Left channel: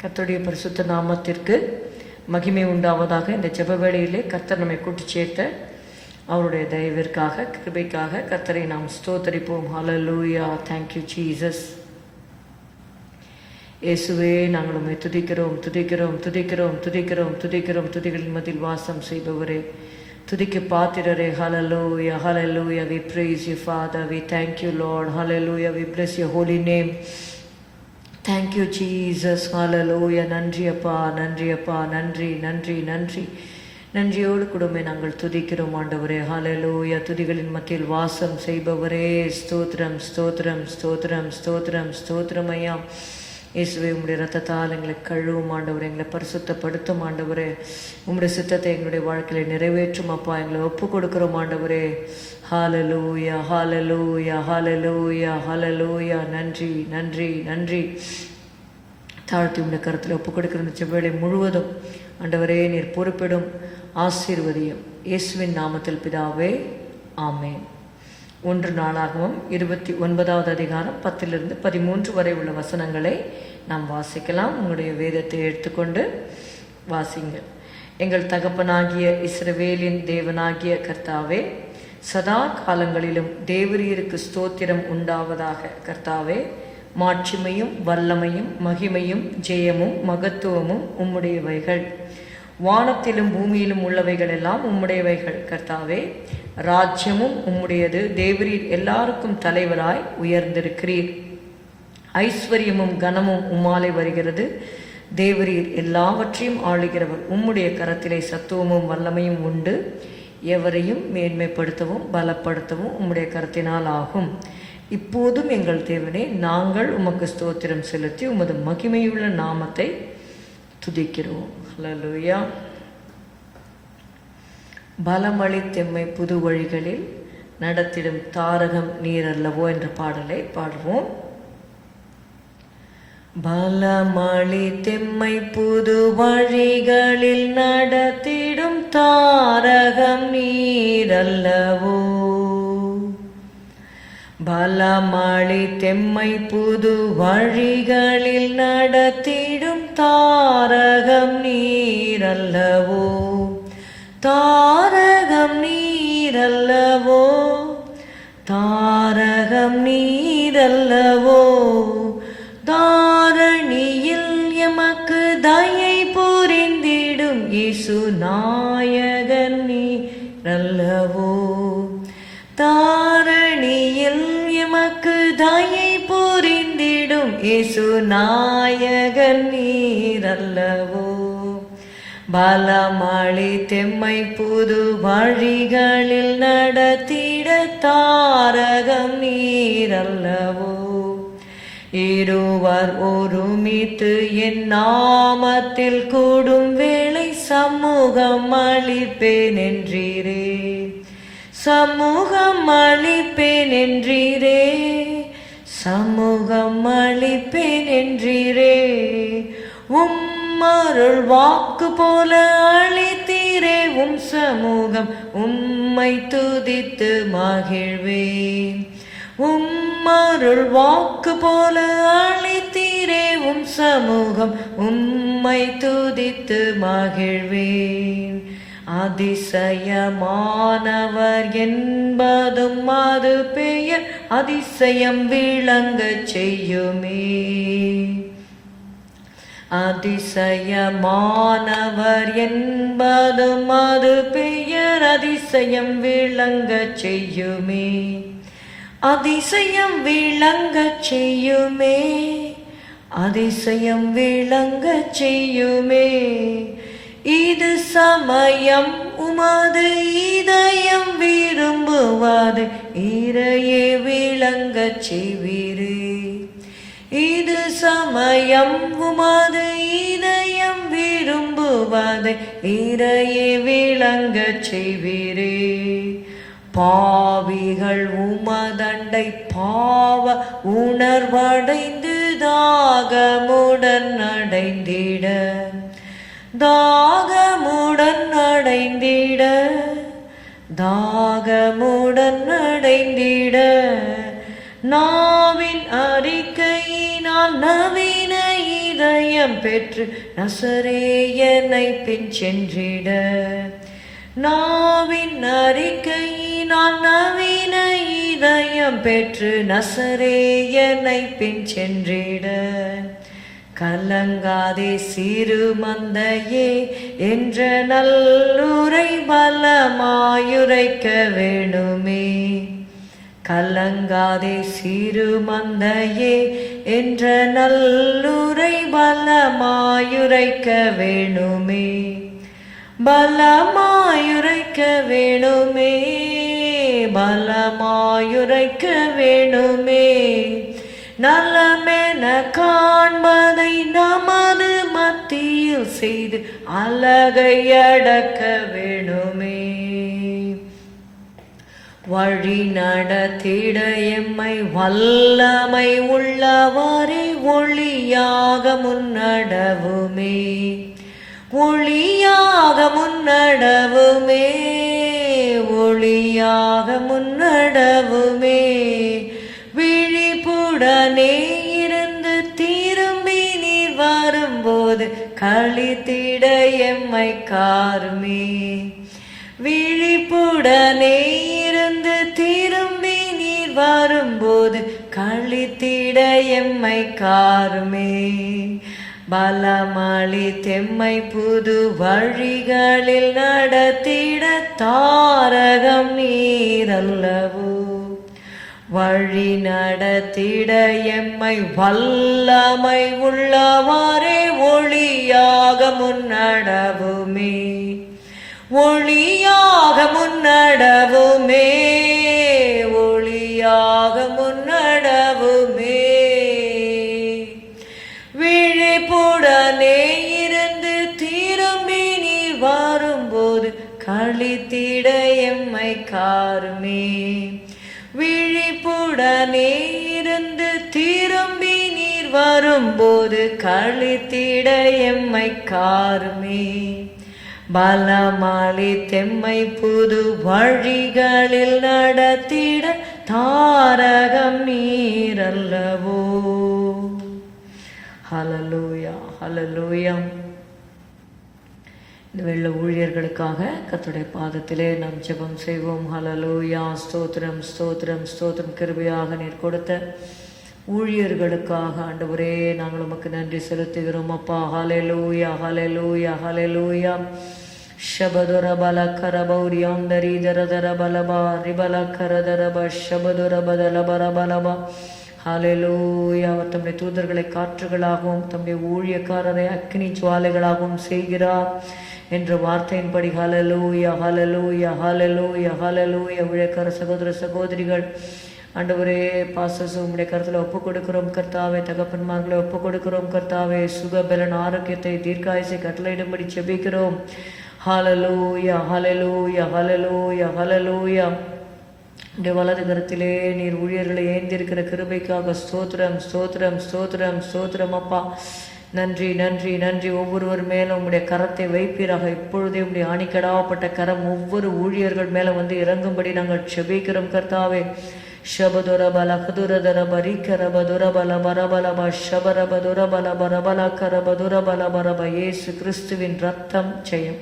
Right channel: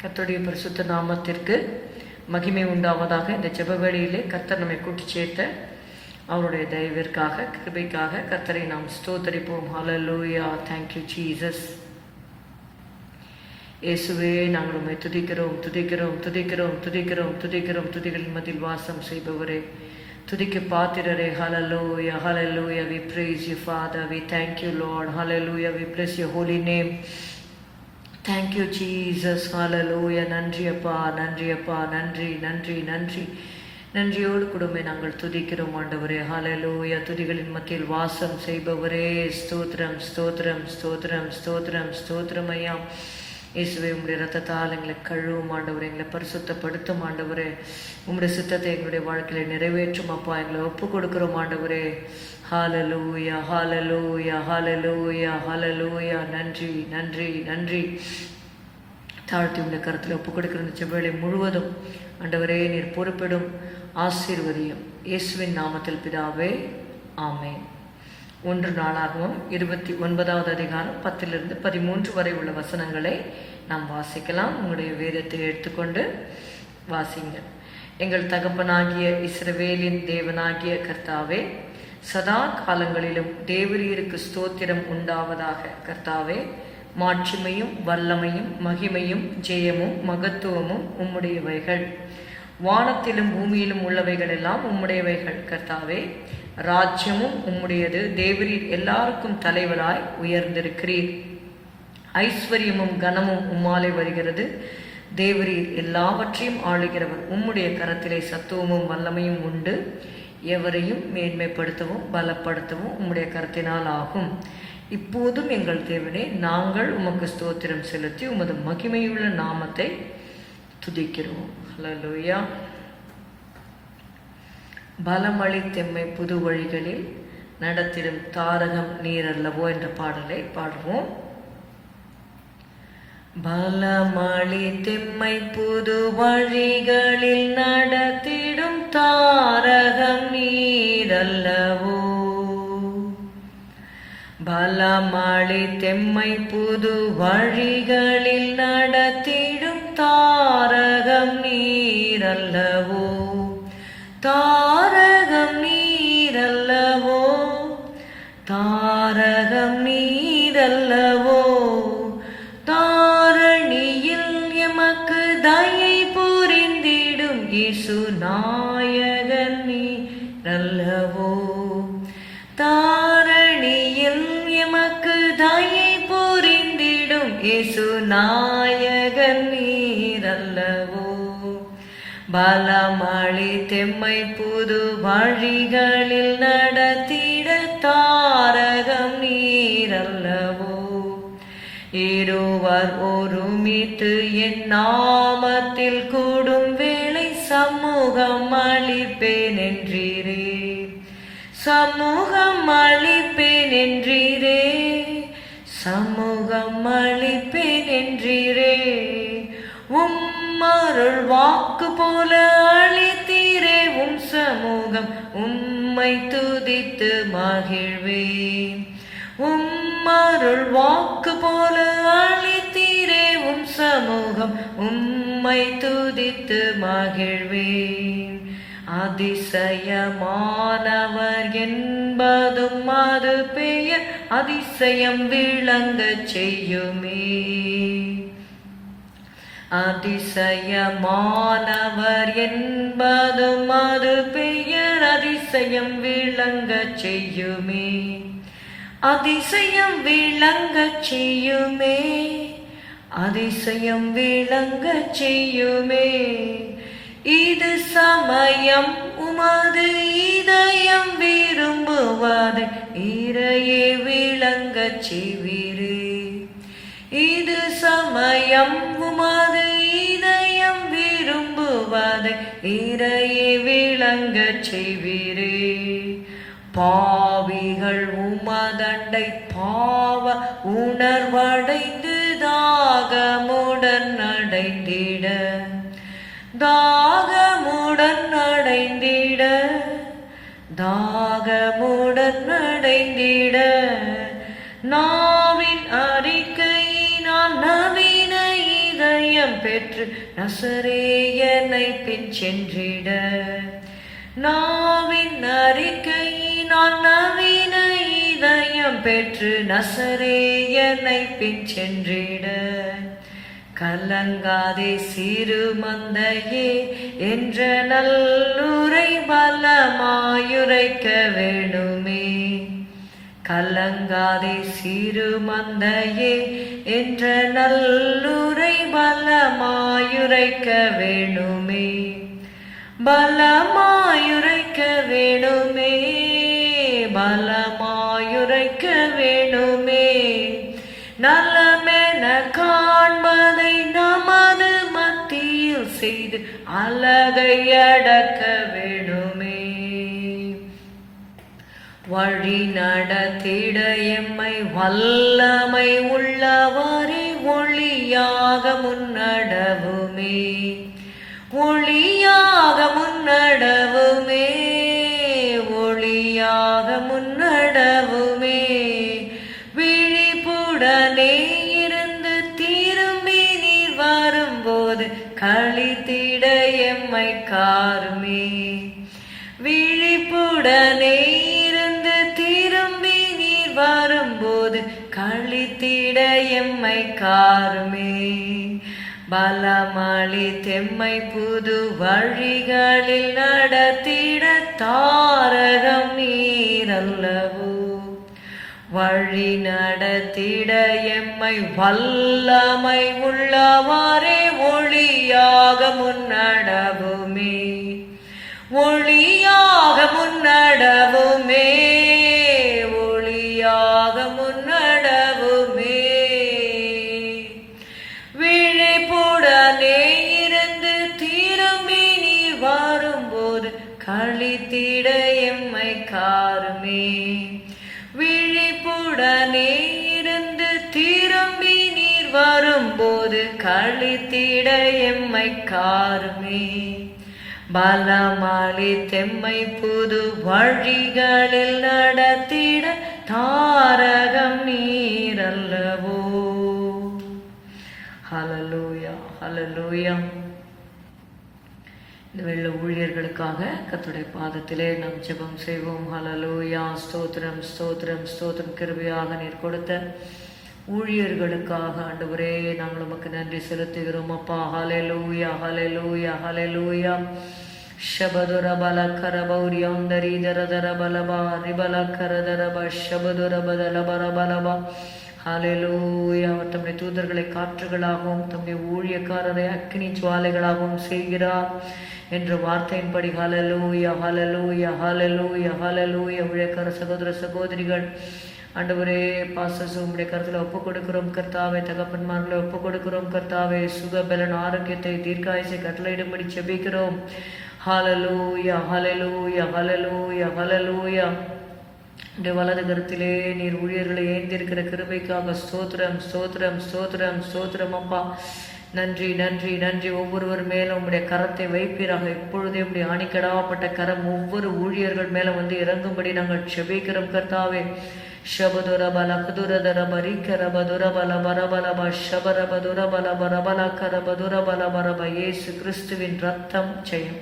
கர்த்தருடைய பரிசுத்த நாமத்திற்கு மகிமை உண்டாவதாக. இந்த ஜெப வேளையிலே கர்த்தர் நம்மை கூட்டி சேர்த்த அவருடைய தயவிற்காக, கிருபைக்காக கர்த்தரை நாம் ஸ்தோத்தரிப்போம். ஹல்லேலூயா. Thank you Jesus. இயேசுவே, நாங்கள் உம்மை துதிக்கிறோம் துதிக்கிறோம் துதிக்கிறோம் துதிக்கிறோம் துதிக்கிறோம். துதிகளின் மத்தியில் வாசம் செய்பவரே, துதிக்கு பாத்திரரே. ஹல்லேலூயா ஹல்லேலூயா. We praise you Father. We thank you Lord. Hallelujah. We bless your holy name. Thank you Jesus. Hallelujah. நன்றி அப்பா, நன்றி அப்பா, நன்றி நன்றி நன்றி. நன்றியோடு கூடமே நாங்கள் துதிக்கிறோம் ஆண்டவரே. ஹல்லேலூயா. துதிகளின் மத்தியில் வாசம் செய்பவரே, ஸ்தோத்திரம் ஸ்தோத்திரம் ஸ்தோத்திரம் ஸ்தோத்திரம் ஸ்தோத்திரம் ஐயா. இயேசுவே, உம்முடைய ரத்தத்தால் எங்களை கழுவும் ஆண்டவரே, எங்களை பரிசுத்தப்படுத்தும் ஆண்டவரே. உம்முடைய சித்தத்தை எங்களுடைய வாழ்க்கையில நிறைவேற்றும் அப்பா. எங்களை ஒப்பு கொடுக்கிறோம் ஆண்டவரே. ஹல்லேலூயா ஹல்லேலூயா ஹல்லேலூயா ஹல்லேலூயா. நன்றி நன்றி நன்றி. தாழ்த்தி உடைய கருத்தில் ஒப்பு கொடுக்கிற இந்த செவ்வேளை முழுவதும் ஆண்டவரே நீர் பொறுப்பிடும், ஆசீர்வதியும். இயேசுவின் நாமத்தில் பிதாவே, ஆமென். 1 நாளாகவும் 29வது அதிகாரம் 10-13 வரை உள்ள வசனங்களை நாம் வாசிக்கலாம். உங்களுடைய வேதத்தை எடுத்துக்கொண்டு வாசிங்க. எங்கள் தகப்பனாகிய இஸ்ரவேலின் தேவனாகிய கர்த்தாவே, சதா காலங்களிலும் தேவரீருக்கு ஸ்தோத்திரம் உண்டாவதாக. கர்த்தாவே, மாட்சிமையும் வல்லமையும் மகிமையும் ஜெயமும் மகத்துவமும் உம்முடையவைகள். வானத்திலும் பூமியிலும் உள்ளவைகள் எல்லாம் உம்முடையவைகள். கர்த்தாவே, ராஜ்யமும் உம்முடையது. தேவரீர் எல்லாருக்கும் தலைவராய் உயர்ந்திருக்கிறீர். ஐஸ்வர்யமும் கனமும் உம்மாலே வருகிறது. தேவரீர் எல்லாவற்றையும் ஆளுகிறவர். உம்முடைய கரத்திலே சத்துவமும் வல்லமையும் உண்டு. எவரையும் மேன்மைப்படுத்தவும் பலப்படுத்தவும் உம்முடைய கரத்தினால் ஆகும். இப்போதும் எங்கள் தேவனே, நாங்கள் உமக்கு ஸ்தோத்திரம் செலுத்தி உமது மகிமையுள்ள நாமத்தை துதிக்கிறோம். ஹல்லேலூயா. பலமளித்தெம்மை புது வழிகளில் நடத்திடும் தாரகம் நீர் அல்லவோ என்ற பாடலை பாடுவோம். பலமளித்தெம்மை புது வழிகளில் நடத்திடும் தாரகம் நீர் அல்லவோ. பலமளித்தெம்மை புது வழிகளில் நடத்திடும் தாரகம் நீர் அல்லவோ. தாரகம் நீர் அல்லவோ, தாரகம் நீர் அல்லவோ. தாரணியில் எமக்கு தயை புரிந்திடும் இயேசு நாயகன் நீர் அல்லவோ. தாரணியில் எமக்கு தயை புரிந்திடும் இயேசு நாயகன் நீர் அல்லவோ. பலமளித்தெம்மை புது வழிகளில் நடத்திட தாரகம் நீர் அல்லவோ. இருவர் ஒருமித்து என் நாமத்தில் கூடும் வேளை சமூகம் அளிப்பேன் என்றீரே. சமூகம் அளிப்பேன் என்றீரே. சமூகம் அளிப்பேன் என்றீரே. உம்மருள் வாக்கு போல அளித்தீரே. உம் சமூகம் உம்மை துதித்து மகிழ்வேன். உம்மருள் வாக்கு போல அளித்தீரே. உம் சமூகம் உம்மை துதித்து மகிழ்வேன். அதிசயமானவர் என்பதும் அது பெயர் அதிசயம் விளங்கச் செய்யுமே. அதிசயமானவர் என்பதும் அது பெயர் அதிசயம் விளங்கச் செய்யுமே. அதிசயம் விளங்கச் செய்யுமே. அதிசயம் விளங்கச் செய்யுமே. இது சமயம் உமது இதயம் விரும்புவது இறையே விளங்கச் செய்வீரே. இது சமயம் உமது இதயம் விரும்புவது இறையே விளங்கச் செய்வீரே. பாவிகள் உமதண்டை பாவ உணர்வடைந்து தாகமுடன் அடைந்திட. தாகமுடன் அடைந்திட. தாகமுடன் அடைந்திட. நாவின் அறிக்கையினால் நவீன இதயம் பெற்று நசரேயனை பின் சென்றிட நாவின் அறிக்கையினால் நவீன இதயம் பெற்று நசரேயனை பின் சென்றிட கலங்காதே சிறு மந்தையே என்ற நல்லுரை பலமாயுரைக்க வேணுமே. கலங்காதே சிறு மந்தையே என்ற நல்லுரை பலமாயுரைக்க வேணுமே. பலமாயுரைக்க வேணுமே. பலமாயுரைக்க வேணுமே. நலமென காண்பதை நமது மத்தியில் செய்து அழகை அடக்க வேணுமே. வழி நடத்திட எம்மை வல்லமை உள்ளவரை ஒளியாக முன்னடவுமே. ஒளியாக முன்னடவுமே. ஒளியாக முன்னடவுமே. விழிப்புடனே இருந்து திரும்பி நீர் வரும்போது களித்திட எம்மை காருமே. விழிப்புடனே இருந்து திரும்பி நீர் வரும்போது களித்திட எம்மை காருமே. பலமளி தெம்மை புது வழிகளில் நடத்திட தாரகம் நீரல்லவோ. வழி நடத்திட எம்மை வல்லமை உள்ளவாறே ஒளியாக முன்னடவுமே. ஒளியாக முன்னடவுமே. ஒளியாக முன்னடவுமே. விழிப்புடனே இருந்து திரும்பி நீர் வரும்போது களித்திட எம்மை காருமே. விழிப்புடனே இருந்து திரும்பி நீர் வரும்போது களித்திட எம்மை காருமே. பலமளி தெம்மை புது வழிகளில் நடத்திட தாரகம் நீரல்லவோ. ஹல்லேலூயா, ஹல்லேலூயா. இந்த வெள்ள ஊழியர்களுக்காக கர்த்தருடைய பாதத்திலே நாம் ஜெபம் செய்வோம். ஹல்லேலூயா. ஸ்தோத்திரம், ஸ்தோத்திரம், ஸ்தோத்திரம். கிருபையாக நீர் கொடுத்த ஊழியர்களுக்காக ஆண்டவரே நாங்கள் உமக்கு நன்றி செலுத்துகிறோம் அப்பா. ஹல்லேலூயா, ஹல்லேலூயா, ஹல்லேலூயா. ಶಬದುರ ಬಲ ಕರಬೌರ್ಯೌಂದರಿ ದರ ದರ ಬಲಬ ರಿಬಲ கரதரப ಶಬದುர ಬದಲ ಬರ ಬಲಬ. ஹalleluya. அவர் தம்முடைய தூதர்களை காற்றுகளாகவும் தம்முடைய ஊழியக்காரரை அக்கினி ஜுவாலைகளாகவும் செய்கிறார் என்ற வார்த்தையின்படி ஹalleluya, ஹalleluya, ஹalleluya, ஹalleluya. ஊழியக்கார சகோதர சகோதரிகள் ஆண்டவரே பாஸ்டர்ஸ் உம்முடைய கருத்தில் ஒப்புக் கொடுக்கிறோம் கர்த்தாவே. தகப்பன்மார்களை ஒப்புக் கொடுக்கிறோம் கர்த்தாவே. சுகபலன் ஆரோக்கியத்தை தீர்க்காயசை கட்டளையிடும்படி செபிக்கிறோம். ஹalleluya, ஹalleluya, ஹalleluya, ஹalleluya. இந்த வலது கருத்திலே நீர் ஊழியர்களை ஏந்திருக்கிற கிருபைக்காக ஸ்தோத்திரம், ஸ்தோத்திரம், ஸ்தோத்திரம், ஸ்தோத்திரம் அப்பா. நன்றி, நன்றி, நன்றி. ஒவ்வொருவர் மேலும் உடைய கரத்தை வைப்பீராக. இப்பொழுதே உடைய அணிக்கடாப்பட்ட கரம் ஒவ்வொரு ஊழியர்கள் மேல வந்து இறங்கும்படி நாங்கள் செபிக்கிறோம் கர்த்தாவே. ಶಬದುರಬಲ ಕುದುರದರಬ ರಿಕರಬದುರಬಲ ಬರಬಲಬ ಶಬರಬದುರಬಲ ಬರಬಲ ಕರಬದುರಬಲ ಬರಬ. ஏசு கிறிஸ்துவின் ரத்தம் ஜெயம்.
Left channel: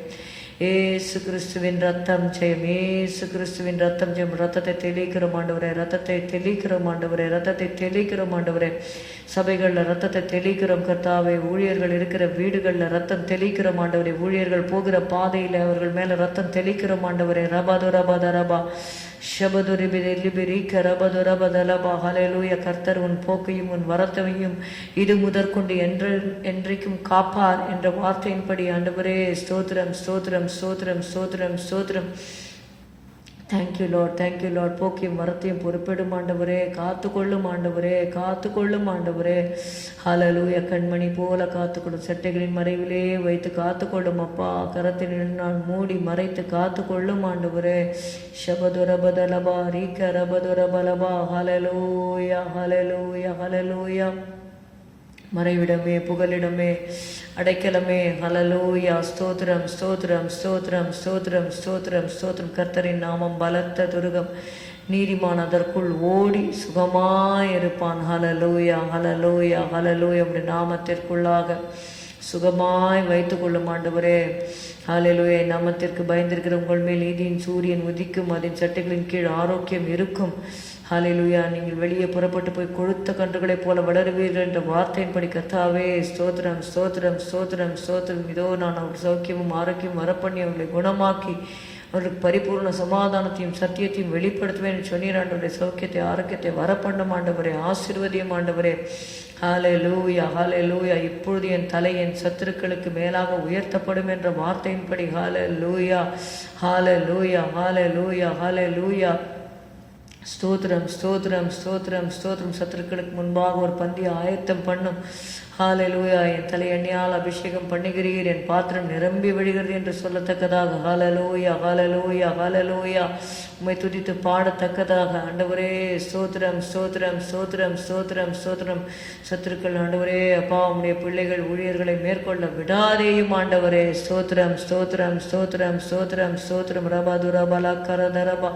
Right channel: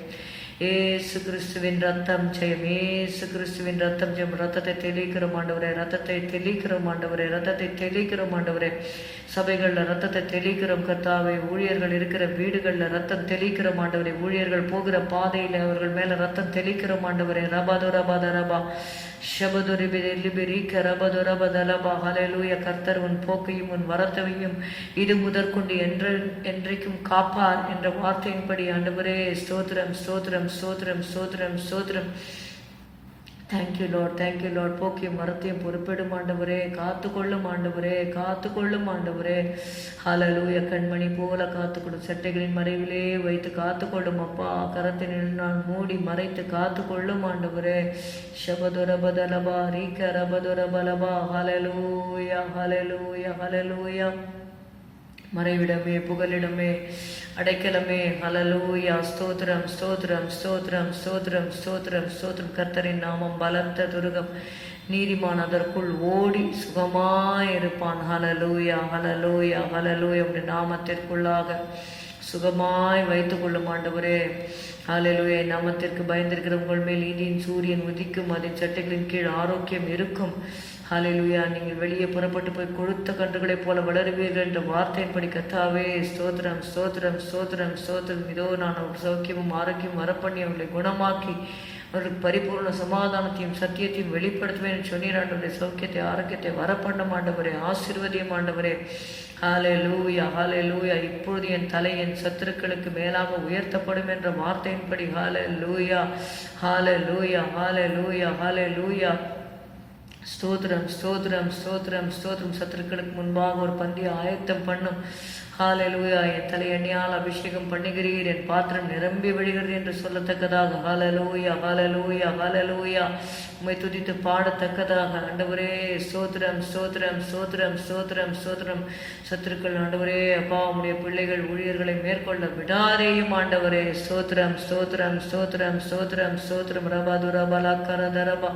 ஏசு கிறிஸ்துவின் ரத்தம் ஜெயம். ஏசு கிறிஸ்துவின் ரத்தம் ஜெயம். ரத்தத்தை தெளிக்கிறோம் ஆண்டவரே. ரத்தத்தை தெளிக்கிறோம் ஆண்டவரே. ரத்தத்தை தெளிக்கிறோம் ஆண்டவரே. சபைகள்ல ரத்தத்தை தெளிக்கிறோம் கர்த்தாவே. ஊழியர்கள் இருக்கிற வீடுகள்ல ரத்தம் தெளிக்கிறோம் ஆண்டவரே. ஊழியர்கள் போகிற பாதையில அவர்கள் மேல ரத்தம் தெளிக்கிறோம் ஆண்டவரே. ரபதுரபதரபா ஷபதுரிபிரிக்க ரபதுரபதலபா. ஹல்லேலூயா. கர்த்தர் உன் போக்கையும் உன் வரத்தையும் இது முதற்கொண்டு என்றைக்கும் காப்பார் என்ற வார்த்தையின்படி ஆண்டவரே ஸ்தோத்திரம், ஸ்தோத்திரம், ஸ்தோத்திரம், ஸ்தோத்திரம், ஸ்தோத்திரம். Thank you lord, thank you lord. போக்கியும் மரத்தையும் பொறுப்பிடும் ஆண்டவரே. காத்துக்கொள்ளும் ஆண்டவரே, காத்துக்கொள்ளும் ஆண்டவரே. ஹல்லேலூயா. கண்மணி போல காத்துக்கொள்ளும். சட்டைகளின் மறைவிலே வைத்து காத்துக்கொள்ளும் அப்பா. கரத்தின் நான் மூடி மறைத்து காத்துக்கொள்ளும் ஆண்டவரே. ஷபதுரபதலபா ரீகரபதுரபலபா. ஹல்லேலூயா, ஹல்லேலூயா, ஹல்லேலூயா. மறைவிடமே, புகலிடமே, அடைக்கலமே. ஹல்லேலூயா. ஸ்தோத்திரம், ஸ்தோத்திரம், ஸ்தோத்திரம், ஸ்தோத்திரம், ஸ்தோத்திரம், ஸ்தோத்திரம். கர்த்தரின் நாமம் பலத்த துருகம். நீதிமான் அதற்குள் ஓடி சுகமாயிருப்பான். ஹல்லேலூயா, ஹல்லேலூயா, ஹல்லேலூயா. உடைய நாமத்திற்குள்ளாக சுகமாய் வைத்துக் கொள்ளும் ஆண்டவரே. ஹalleluya. நாமத்திற்கு பயந்திருக்கிற உங்கள் மேல் நீதியின் சூரியன் உதிக்கும், அதன் சட்டைகளின் கீழ் ஆரோக்கியம் இருக்கும். ஹalleluya. நீங்கள் வெளியே புறப்பட்டு போய் கொழுத்த கன்றுகளைப் போல வளருவீர்கள் என்ற வார்த்தையின்படி கர்த்தாவே ஸ்தோத்திரம் ஸ்தோத்திரம் ஸ்தோத்திரம் ஸ்தோத்திரம். இதோ நான் ஒரு சௌக்கியமும் ஆரோக்கியம் வரப்பண்ணி அவர்களை குணமாக்கி அவர்களுக்கு பரிபூர்ண சமாதானத்தையும் சத்தியத்தையும் வெளிப்படுத்துவேன் சொன்னீர் ஆண்டவரே. சௌக்கியத்தை ஆரோக்கியத்தை வரப்பண்ணும் ஆண்டவரே, ஆசீர்வதியும் ஆண்டவரே. ஹalleluya ஹalleluya. இப்பொழுது என் தலை என் சத்துருக்களுக்கு மேலாக உயர்த்தப்படும் என்ற வார்த்தையின்படி ஹalleluya ஹalleluya ஹalleluya ஹalleluya. ஸ்தோத்திரம் ஸ்தோத்திரம் ஸ்தோத்திரம் ஸ்தோத்திரம். சத்துருக்களுக்கு முன்பாக ஒரு பந்தியை ஆயத்தம் பண்ணும். ஹalleluya. என் தலை எண்ணெயால் அபிஷேகம் பண்ணுகிறீர், என் பாத்திரம் நிரம்பி வழிகிறது என்று சொல்லத்தக்கதாக ஹalleluya ஹalleluya ஹalleluya. உம்மை துதித்து பாடத்தக்கதாக ஆண்டவரே ஸ்தோத்திரம் ஸ்தோத்திரம் ஸ்தோத்திரம் ஸ்தோத்திரம் ஸ்தோத்திரம். சத்துருக்கள் ஆண்டவரே அப்பா உம்முடைய பிள்ளைகள் ஊழியர்களை மேற்கொள்ள விடாதேயும் ஆண்டவரே. ஸ்தோத்திரம் ஸ்தோத்திரம் ஸ்தோத்திரம் ஸ்தோத்திரம் ஸ்தோத்திரம். ரபாதுரபலா கரதரபா.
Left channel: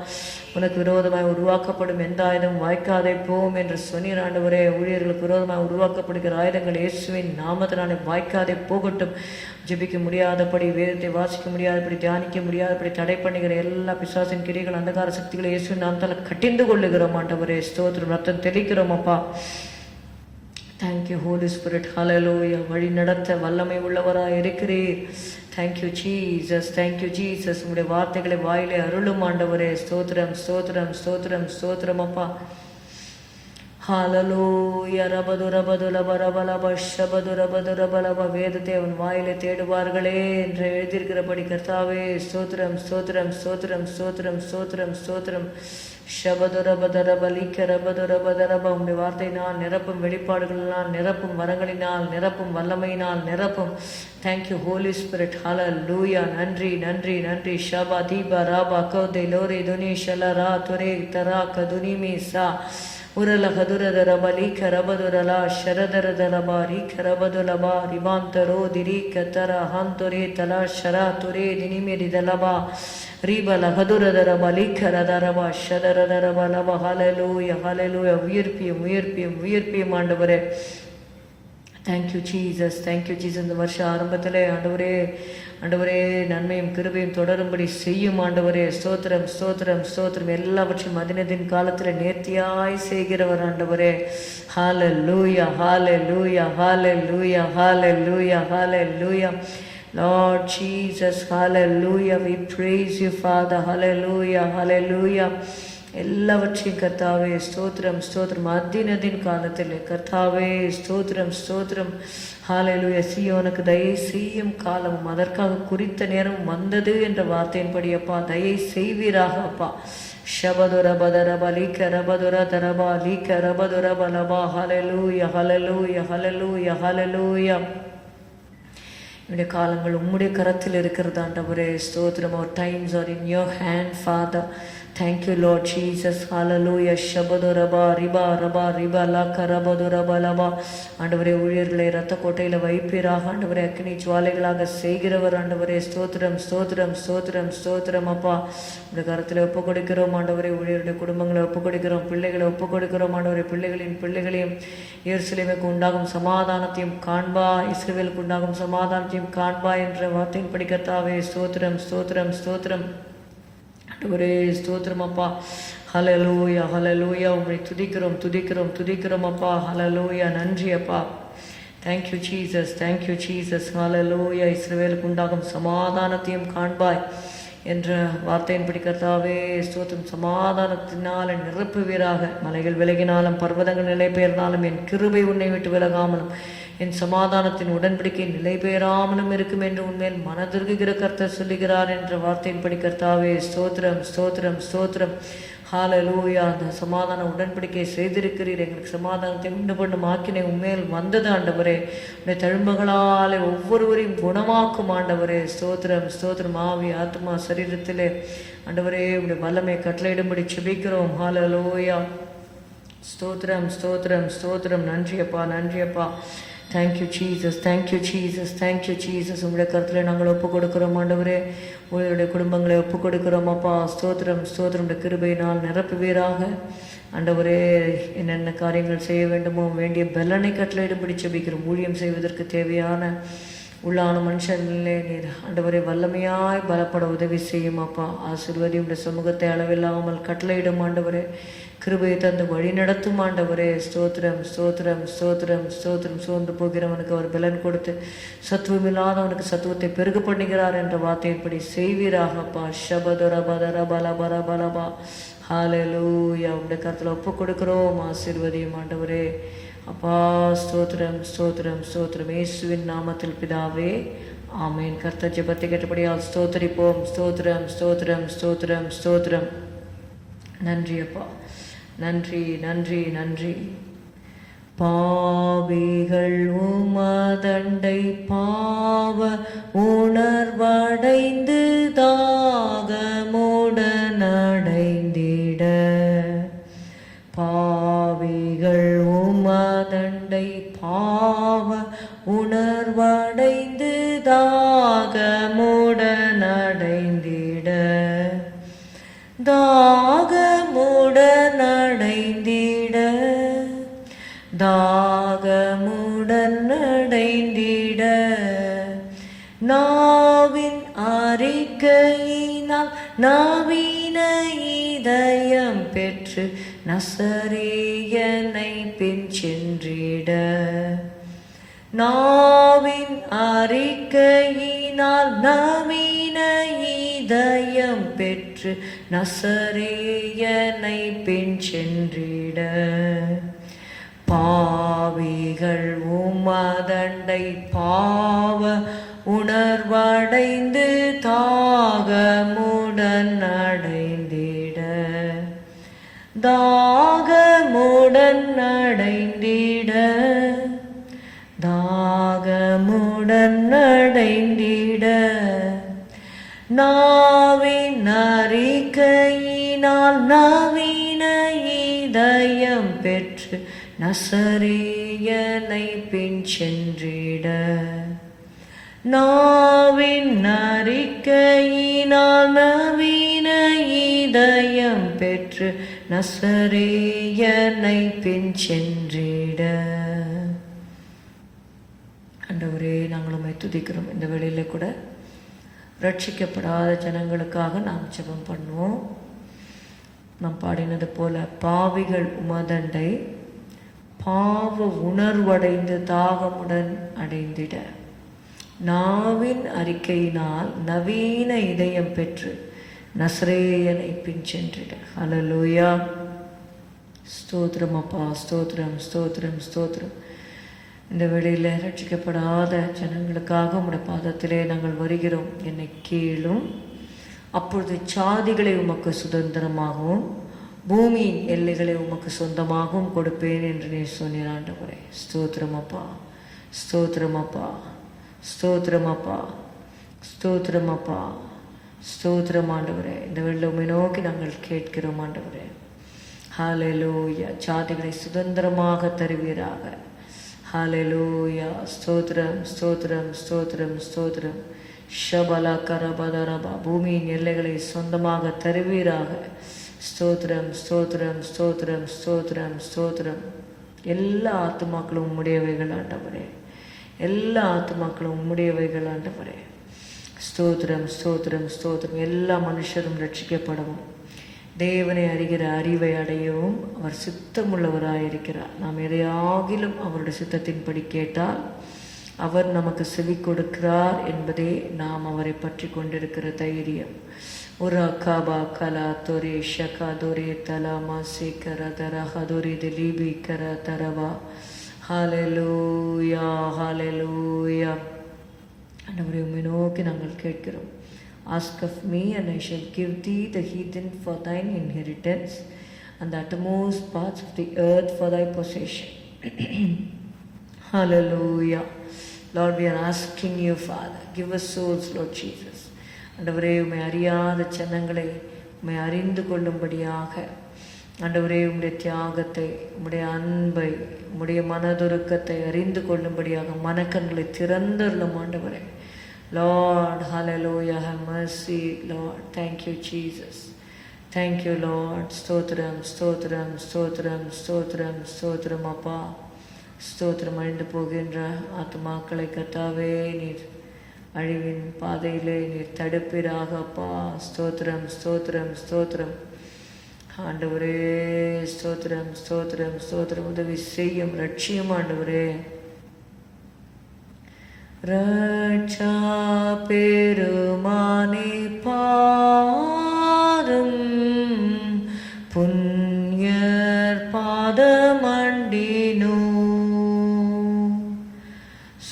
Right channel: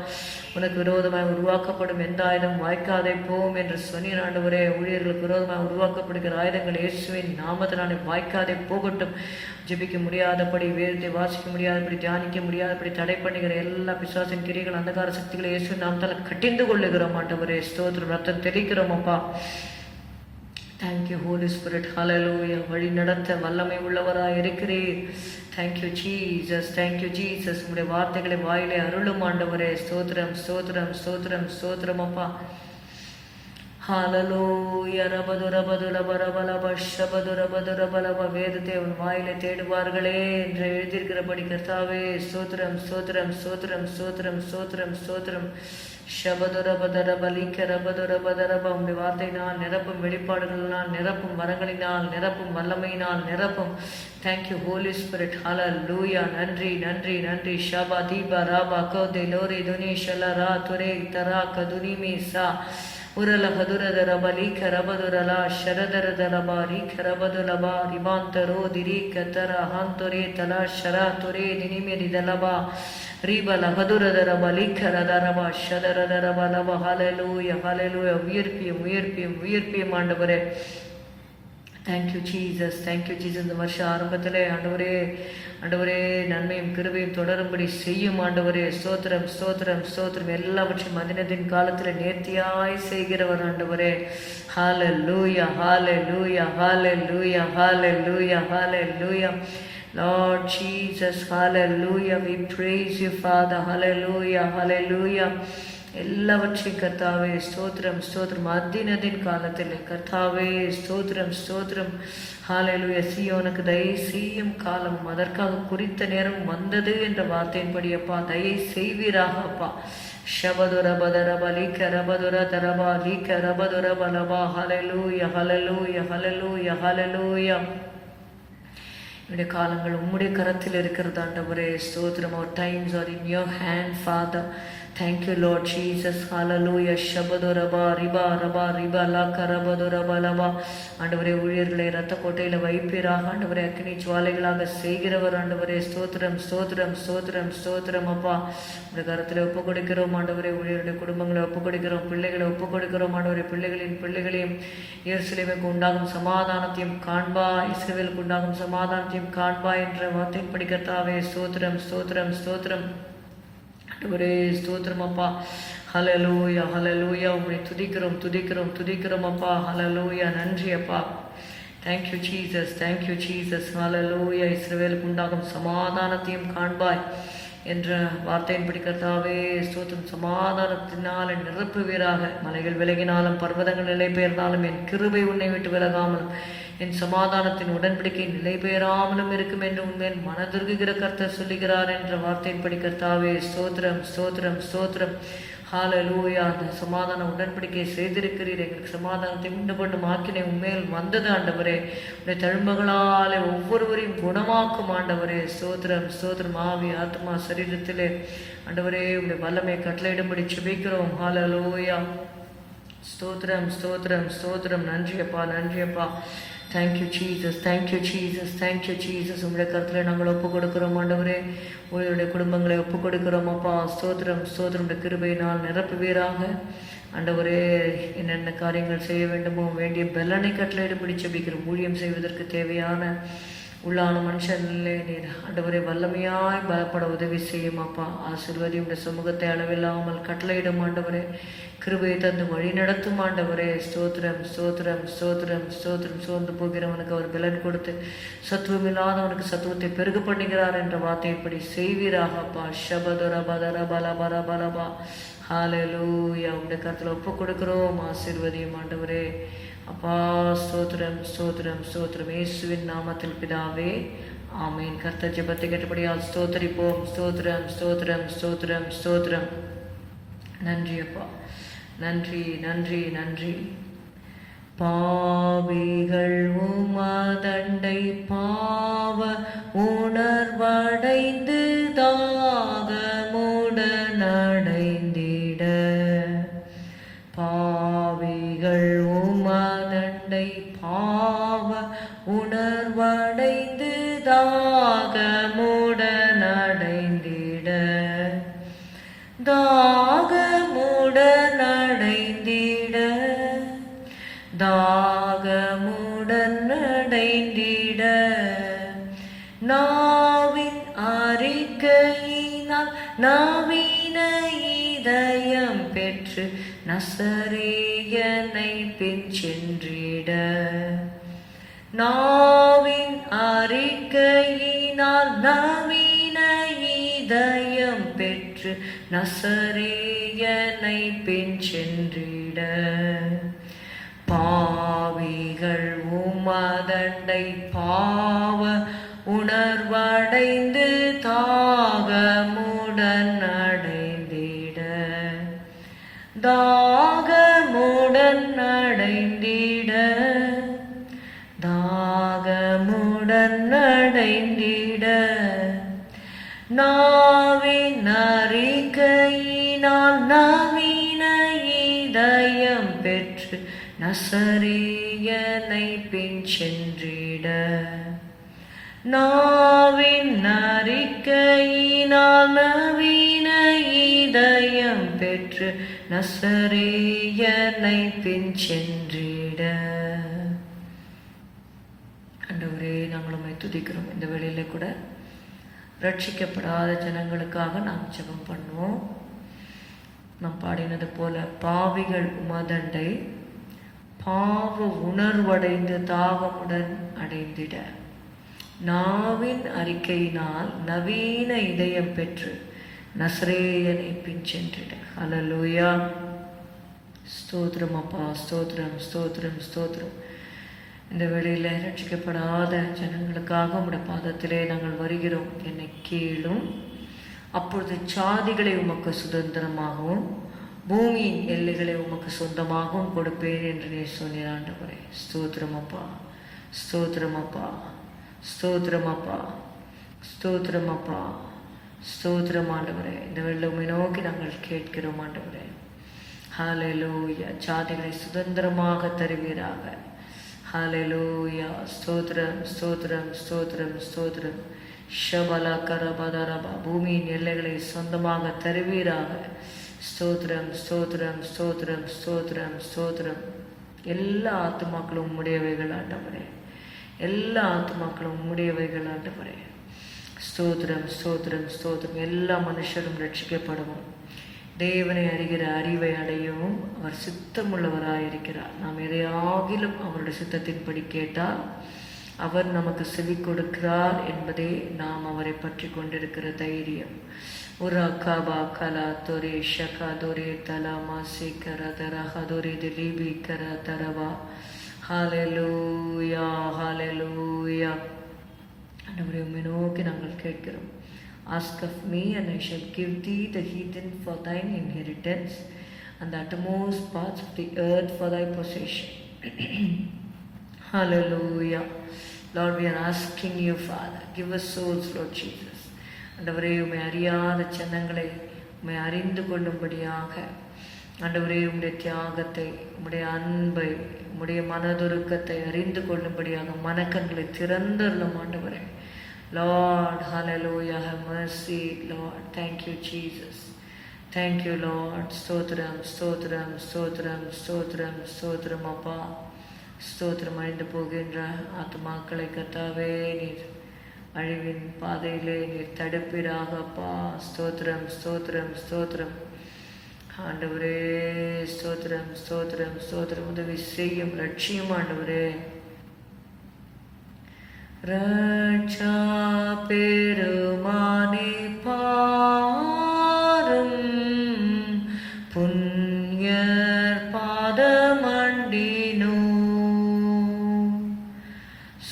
உனக்கு விரோதமாய் உருவாக்கப்படும் எந்த ஆயுதம் வாய்க்காதே போம் என்று சொன்னீர் ஆண்டவரே. ஊழியர்களுக்கு விரோதமாக உருவாக்கப்படுகிற ஆயுதங்கள் இயேசுவின் நாமத்தினாலே வாய்க்காதே போகட்டும். ஜெபிக்க முடியாதபடி, வேதத்தை வாசிக்க முடியாதபடி, தியானிக்க முடியாதபடி தடை பண்ணுகிற எல்லா பிசாசின் கிரிகள் அந்தகார சக்திகளை இயேசுவின் நாமத்தால் கட்டிந்து கொள்ளுகிறோம் ஆண்டவரே. ஸ்தோத்திரம். ரத்தம் தெளிக்கிறோம் அப்பா. Thank you holy spirit. ஹalleluya. வழி நடத்த வல்லமை உள்ளவராய் இருக்கிறீர். Thank you Jesus thank you Jesus. உங்களுடைய வார்த்தைகளை வாயிலே அருளும் ஆண்டவரே. ஸ்தோத்திரம் ஸ்தோத்திரம் ஸ்தோத்திரம் ஸ்தோத்திரம் அப்பா. ஹalleluya. ரபதுரபதுலபரபலப ஷபதுரபதுரபலப. வேதத்தை அவன் வாயிலே தேடுவார்களே என்று எழுதியிருக்கிறபடி கர்த்தாவே ஸ்தோத்திரம் ஸ்தோத்திரம் ஸ்தோத்திரம் ஸ்தோத்திரம் ஸ்தோத்திரம் ஸ்தோத்திரம். ஷபதுரபதரபலிக்க ரபதுரபதரப. உங்களுடைய வார்த்தையினால் நிரப்பும், வெளிப்பாடுகளினால் நிரப்பும், வரங்களினால் நிரப்பும், வல்லமையினால் நிரப்பும். Thank you holy spirit. ஹalleluya. நன்றி நன்றி நன்றி. ஷபா தீபா ராபா கோதே லோரே துனி ஷலரா துரே தரா கதுனிமி சா உரல ஹதுரதரப லீக ரபதுரலா ஷரதரதரபா ரீக ரபதுலபா ரிபாந்தரோ திரீக தர ஹந்தொரே தலா ஷரா துரே தினிமெரிதலபா ரீபல ஹதுரதரப லீக ரதரபா ஷதரதரப லப. ஹalleluya ஹalleluya. உயிர்ப்பியும் உயிர்ப்பியும் உயிர்ப்பியும் ஆண்டவரே. Thank you Jesus thank you Jesus. இந்த வருஷம் ஆரம்பத்தில் ஆண்டவரே ஆண்டவரே நன்மையும் கிருபையும் தொடரும்படி செய்யும் ஆண்டவரே. ஸ்தோத்திரம் ஸ்தோத்திரம் ஸ்தோத்திரம். எல்லாவற்றையும் அதினத்தின் காலத்தில் நேர்த்தியாய் செய்கிறவர் ஆண்டவரே. ஹalleluya ஹalleluya ஹalleluya ஹalleluya ஹalleluya. Lord Jesus, hallelujah. We praise you, Father. Hallelujah hallelujah. எல்லாவற்றையும் கர்த்தாவே ஸ்தோத்திரம் ஸ்தோத்திரம். அதினதின் காலத்தில் கர்த்தாவே ஸ்தோத்திரம் ஸ்தோத்திரம். ஹalleluya. சீயோனுக்கு தயை செய்யும் காலம் அதற்காக குறித்த நேரம் வந்தது என்ற வார்த்தையின்படி அப்பா தயை செய்வீராக அப்பா. ஷபதுரபதரப லீக ரபதுர தரபா லீக ரபதுரபலபா. ஹalleluya hallelujah hallelujah hallelujah. என்னுடைய காலங்கள் உம்முடைய கரத்தில் இருக்கிறது ஆண்டவரே. ஸ்தோத்திரம். our times are in your hand, Father. Thank you, Lord Jesus. Hallelujah. Shabadoraba riba raba riba la karabadoraba laba. ஆண்டவரே ஊழியர்களை இரத்த கோட்டையில வைப்பீராக ஆண்டவரே. அக்னி ஜுவாலைகளாக செய்கிறவர் ஆண்டவரே. ஸ்தோத்திரம் ஸ்தோத்திரம் ஸ்தோத்திரம் ஸ்தோத்திரம் அப்பா. இந்த கரத்தில் ஒப்பு கொடுக்கிறோம் ஆண்டவரே. ஊழியருடைய குடும்பங்களை ஒப்பு கொடுக்கிறோம், பிள்ளைகளை ஒப்பு கொடுக்கிறோம் ஆண்டவரே. பிள்ளைகளின் பிள்ளைகளையும் எருசலேமுக்கு உண்டாகும் சமாதானத்தையும் காண்பா, இஸ்ரவேலுக்கு உண்டாகும் சமாதானத்தையும் காண்பா என்ற வார்த்தையின் படிக்கத்தாவே. ஸ்தோத்திரம் ஸ்தோத்திரம் ஸ்தோத்திரம் ஆண்டவரே. ஸ்தோத்திரம் அப்பா. ஹalleluya ஹalleluya. உம்மை துதிக்கிறோம் துதிக்கிறோம் துதிக்கிறோம் அப்பா. ஹalleluya. நன்றி அப்பா. Thank you Jesus thank you Jesus. ஹalleluya. இஸ்ரவேலுக்கு உண்டாகும் சமாதானத்தையும் காண்பாய் என்ற வார்த்தையின்படி கர்த்தாவே ஸ்தோத்திரம். சமாதானத்தினால் நிரப்புவீராக. மலைகள் விலகினாலும் பர்வதங்கள் நிலை பெயர்ந்தாலும் என் கிருபை உன்னை விட்டு விலகாமலும் என் சமாதானத்தின் உடன்படிக்கை நிலை பெயராமலும் இருக்கும் என்று உண்மையில் மனதிருகிற கர்த்தர் சொல்லுகிறார் என்ற வார்த்தையின்படி கர்த்தாவே ஸ்தோத்திரம் ஸ்தோத்திரம் ஸ்தோத்திரம். ஹalleluya. அந்த சமாதான உடன்படிக்கை செய்திருக்கிறீர். எங்களுக்கு சமாதானத்தை உண்டு பண்ணும் ஆக்கினை உண்மையில் வந்தது ஆண்டவரே. உடைய தழும்புகளாலே ஒவ்வொருவரையும் குணமாக்கும் ஆண்டவரே. ஸ்தோத்திரம் ஸ்தோத்திரம். ஆவி ஆத்மா சரீரத்திலே ஆண்டவரே உடைய வல்லமை கட்டளையிடும்படி செபிக்கிறோம். ஹalleluya. ஸ்தோத்திரம் ஸ்தோத்திரம் ஸ்தோத்திரம். நன்றி அப்பா நன்றி அப்பா. Thank you Jesus thank you Jesus thank you Jesus. உங்களுடைய கருத்தில் நாங்கள் ஒப்பு கொடுக்கிறோம் ஆண்டவரே. உங்களுடைய குடும்பங்களை ஒப்பு கொடுக்கிறோம் அப்பா. ஸ்தோத்திரம் ஸ்தோத்திரம். கிருபையினால் நிரப்புவீராக ஆண்டவரே. என்னென்ன காரியங்கள் செய்ய வேண்டுமோ வேண்டிய பலனை கட்டளையிடும்படி செபிக்கிறோம். ஊழியம் செய்வதற்கு தேவையான உள்ளான மனுஷனிலே நீர் ஆண்டவரை வல்லமையாய் பலப்பட உதவி செய்யும் அப்பா. ஆசீர்வதி உடைய சமூகத்தை அளவில்லாமல் கட்டளையிடும் ஆண்டவரே. கிருபையை தந்து வழி நடத்தும் ஆண்டவரே. ஸ்தோத்திரம் ஸ்தோத்திரம் ஸ்தோத்திரம் ஸ்தோத்திரம். சோர்ந்து போகிறவனுக்கு அவர் பலன் கொடுத்து சத்துவம் இல்லாதவனுக்கு சத்துவத்தை பெருக பண்ணுகிறார் என்ற வார்த்தைப்படி செய்வீராகப்பா. ஷபதர பதர பல பல பலபா. ஹalleluya. உடைய கருத்தில் ஒப்பு கொடுக்கிறோம். ஆசீர்வதியும் ஆண்டவரே அப்பா. ஸ்தோத்திரம் ஸ்தோத்திரம் ஸ்தோத்திரம். இயேசுவின் நாமத்தில் பிதாவே, ஆமேன். கர்த்தர் ஜெபத்தை கேட்டபடியால் ஸ்தோத்திரிப்போம். ஸ்தோத்திரம் ஸ்தோத்திரம் ஸ்தோத்திரம் ஸ்தோத்திரம். நன்றி அப்பா, நன்றி நன்றி நன்றி. பாவிகள் உமதண்டை பாவ உணர்வடைந்து தாகமுடன் அடைந்திட, பாவிகள் உமதண்டை பாவ உணர்வடைந்து தாகமுடன் அடைந்திட, தாகமுடன் அடைந்திட, தாகமுடன் அடைந்திட, நாவின் அறிக்கையினால் நவீன இதயம் பெற்று நசரேயனை பின் சென்றிட, நாவின் அறிக்கையினால் நவீன இதயம் பெற்று நசரேயனை பின் சென்றிட, பாவிகள் உமதண்டை பாவ உணர்வடைந்து தாகமுடன் அடைந்திட, தாகமுடன் அடைந்திட, தாகமுடன் அடைந்திட, நாவின் அறிக்கையினால் நவீன இதயம் பெற்று நசரேயனை பின் சென்றிட, நாவின் அறிக்கையினால் நவீன இதயம் பெற்று நசரேயனை பின் சென்றிட. ஆண்டவரே, நாங்கள் உம்மை துதிக்கிறோம். இந்த வேளையில கூட ரட்சிக்கப்படாத ஜனங்களுக்காக நாம் ஜெபம் பண்ணுவோம். நாம் பாடினது போல, பாவிகள் உமதண்டை பாவ உணர்வடைந்து தாகமுடன் அடைந்திட, நாவின் அறிக்கையினால் நவீன இதயம் பெற்று நசரேயனை பின் சென்றிட. ஹல்லேலூயா. ஸ்தோத்திரம் அப்பா, ஸ்தோத்திரம் ஸ்தோத்திரம் ஸ்தோத்திரம். இந்த வேளையில் ரட்சிக்கப்படாத ஜனங்களுக்காக உம்முடைய பாதத்திலே நாங்கள் வருகிறோம். என்னை கேளும், அப்பொழுது சாதிகளை உமக்கு சுதந்திரமாகவும் பூமியின் எல்லைகளை உமக்கு சொந்தமாகவும் கொடுப்பேன் என்று நீர் சொன்னீர் ஆண்டவரே. ஸ்தோத்திரம் அப்பா, ஸ்தோத்திரம் அப்பா, ஸ்தோத்திரம் அப்பா, ஸ்தோத்திரம் அப்பா, ஸ்தோத்திரம் ஆண்டவரே. இந்த வேளையில் உம்மை நோக்கி நாங்கள் கேட்கிறோம் ஆண்டவரே. ஹல்லேலூயா. சாதிகளை சுதந்திரமாக தருவீராக. ஹல்லேலூயா. ஸ்தோத்திரம் ஸ்தோத்திரம் ஸ்தோத்திரம் ஸ்தோத்திரம். ஷபல கரபதரபா. பூமியின் எல்லைகளை சொந்தமாக தருவீராக. ஸ்தோத்திரம் ஸ்தோத்திரம் ஸ்தோத்திரம் ஸ்தோத்திரம் ஸ்தோத்திரம். எல்லா ஆத்துமாக்களும் உம்முடையவைகள் ஆண்டவரே. எல்லா ஆத்துமாக்களும் உம்முடையவைகள் ஆண்டவரே. ஸ்தோத்திரம் ஸ்தோத்திரம் ஸ்தோத்திரம். எல்லா மனுஷரும் ரட்சிக்கப்படவும் தேவனை அறிகிற அறிவை அடையவும் அவர் சித்தமுள்ளவராயிருக்கிறார். நாம் எதையாகிலும் அவருடைய சித்தத்தின்படி கேட்டால் அவர் நமக்கு செவி கொடுக்கிறார் என்பதே நாம் அவரை பற்றி கொண்டிருக்கிற தைரியம். ஒரு அக்காபா கலா தொரே ஷகா தொரே தலா மாசி கர தர ஹதுரி திலீபி கர தரவா. ஹல்லேலூயா ஹல்லேலூயா. ஆண்டவரே, உம்மை நோக்கி நாங்கள் கேட்கிறோம். Ask of me and I shall give thee the heathen for thine inheritance and the uttermost parts of the earth for thy possession. Hallelujah. Lord, we are asking you, Father, give us souls, Lord Jesus. ஆண்டவரே, உம்மை அறியாத ஜனங்களை உம்மை அறிந்து கொள்ளும்படியாக ஆண்டவரே, உம்முடைய தியாகத்தை, உம்முடைய அன்பை, உம்முடைய மனதுருக்கத்தை அறிந்து கொள்ளும்படியாக மனக்கண்களை திறந்தருளும் ஆண்டவரே. Lord, hallelujah, have mercy, Lord. Thank you, Jesus. Thank you, Lord. ஸ்தோத்திரம் ஸ்தோத்திரம் ஸ்தோத்திரம் ஸ்தோத்திரம் ஸ்தோத்திரம் அப்பா. ஸ்தோத்திரம். அழிந்து போகின்ற ஆத்துமாக்களை கர்த்தாவே நீர் அழிவின் பாதையிலே நீர் தடுப்பீராக அப்பா. ஸ்தோத்திரம் ஸ்தோத்திரம் ஸ்தோத்திரம் ஆண்டவரே. ஸ்தோத்திரம் ஸ்தோத்திரம் ஸ்தோத்திரம். உதவி செய்யும் ரட்சியம் ஆண்டவரே. ரட்சா பெருமானே பாரும், புண்ணியர் பாதமண்டினோ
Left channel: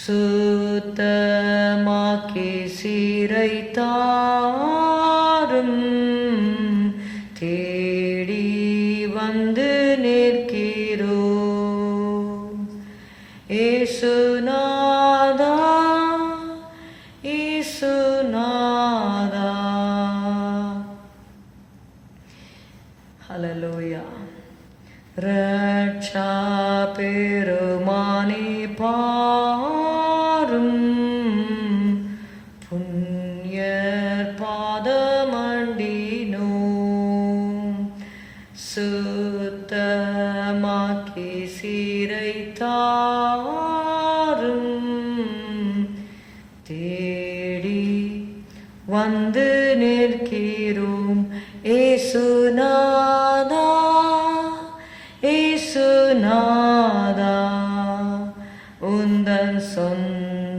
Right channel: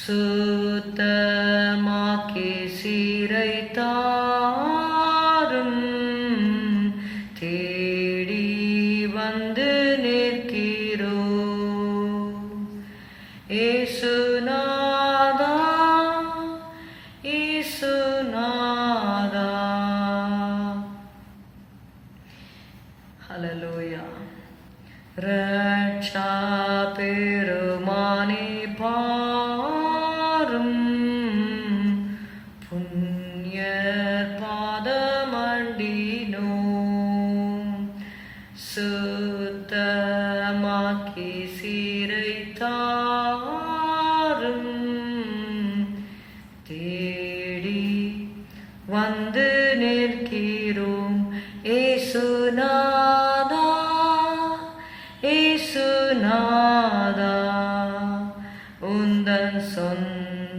சுத்தமாக்கி சீரை தாரும், தேடி வந்து நிற்கிறோ ஏசுநாதா ஏசுநாதா. ஹல்லேலூயா. ரட்சா பெருமானே பாரும், புண்ணியர் பாதமண்டினோ சுத்தமாக்கி சீரை தாரும், தேடி வந்து நிற்கிறோம் ஏசுநாதா ஏசுநாதா. உந்தன் சொந்தமாயினோ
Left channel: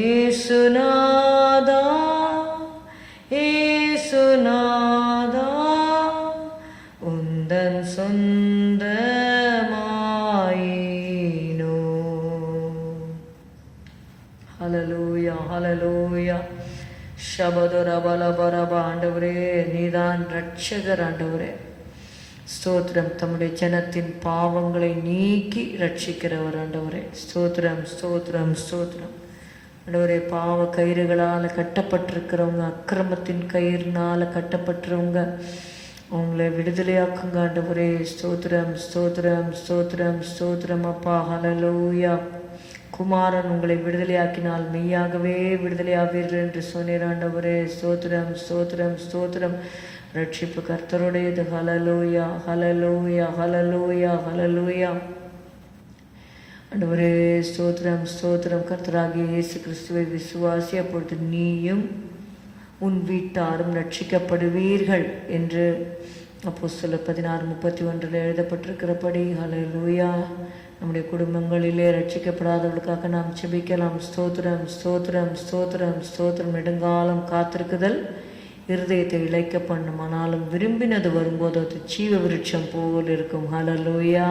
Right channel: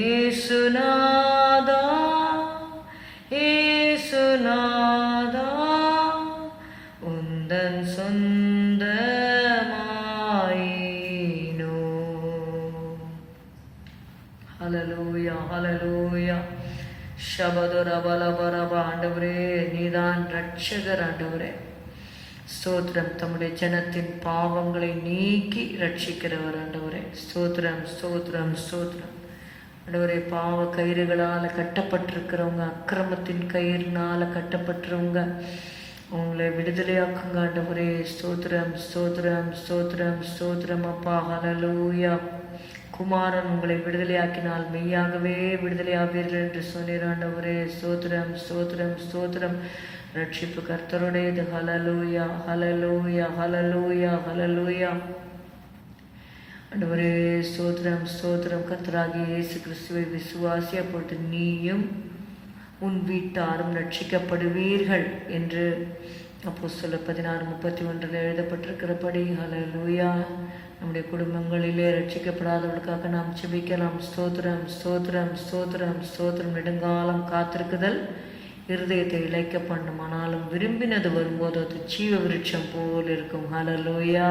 ஏசுநாதா ஏசுநாதா. உந்தன் சொந்தமாயினோ. ஹல்லேலூயா ஹல்லேலூயா. ஷபதர பலபரப. ஆண்டவரே நீதான் ரட்சகர் ஆண்டவரே. ஸ்தோத்திரம். தம்முடைய ஜனத்தின் பாவங்களை நீக்கி ரட்சிக்கிறவர் ஆண்டவரே. ஸ்தோத்திரம் ஸ்தோத்திரம் ஸ்தோத்திரம் ஆண்டவரே. பாவ கயிறுகளால் கட்டப்பட்டிருக்கிறவங்க, அக்கிரமத்தின் கயிறுனால கட்டப்பட்டிருவங்க, அவங்கள விடுதலையாக்குங்க ஆண்டவரே. ஸ்தோத்திரம் ஸ்தோத்திரம் ஸ்தோத்திரம் ஸ்தோத்திரம் அப்பா. ஹல்லேலூயா. குமாரன் உங்களை விடுதலையாக்கினால் மெய்யாகவே விடுதலையாவீர்கள் என்று சொன்னீர் ஆண்டவரே. ஸ்தோத்திரம் ஸ்தோத்திரம் ஸ்தோத்திரம். ரட்சிப்பு கர்த்தருடையது. ஹல்லேலூயா ஹல்லேலூயா ஹல்லேலூயா ஹல்லேலூயா. ஆண்டவரே ஸ்தோத்திரம் ஸ்தோத்திரம். கர்த்தராகிய இயேசு கிறிஸ்துவை விசுவாசி, அப்பொழுது நீயும் உன் வீட்டாரும் ரட்சிக்கப்படுவீர்கள் என்று அப்போஸ்தலர் 16:31 எழுதப்பட்டிருக்கிறபடி. ஹல்லேலூயா. நம்முடைய குடும்பங்களிலே ரட்சிக்கப்படாதவர்களுக்காக நாம் செபிக்கலாம். ஸ்தோத்திரம் ஸ்தோத்திரம் ஸ்தோத்திரம் ஸ்தோத்திரம். நெடுங்காலம் காத்திருக்குதல் இருதயத்தை இழைக்க பண்ணும், ஆனாலும் விரும்பினது வரும்போது அது ஜீவ விருட்சம் போல் இருக்கும். Hallelujah.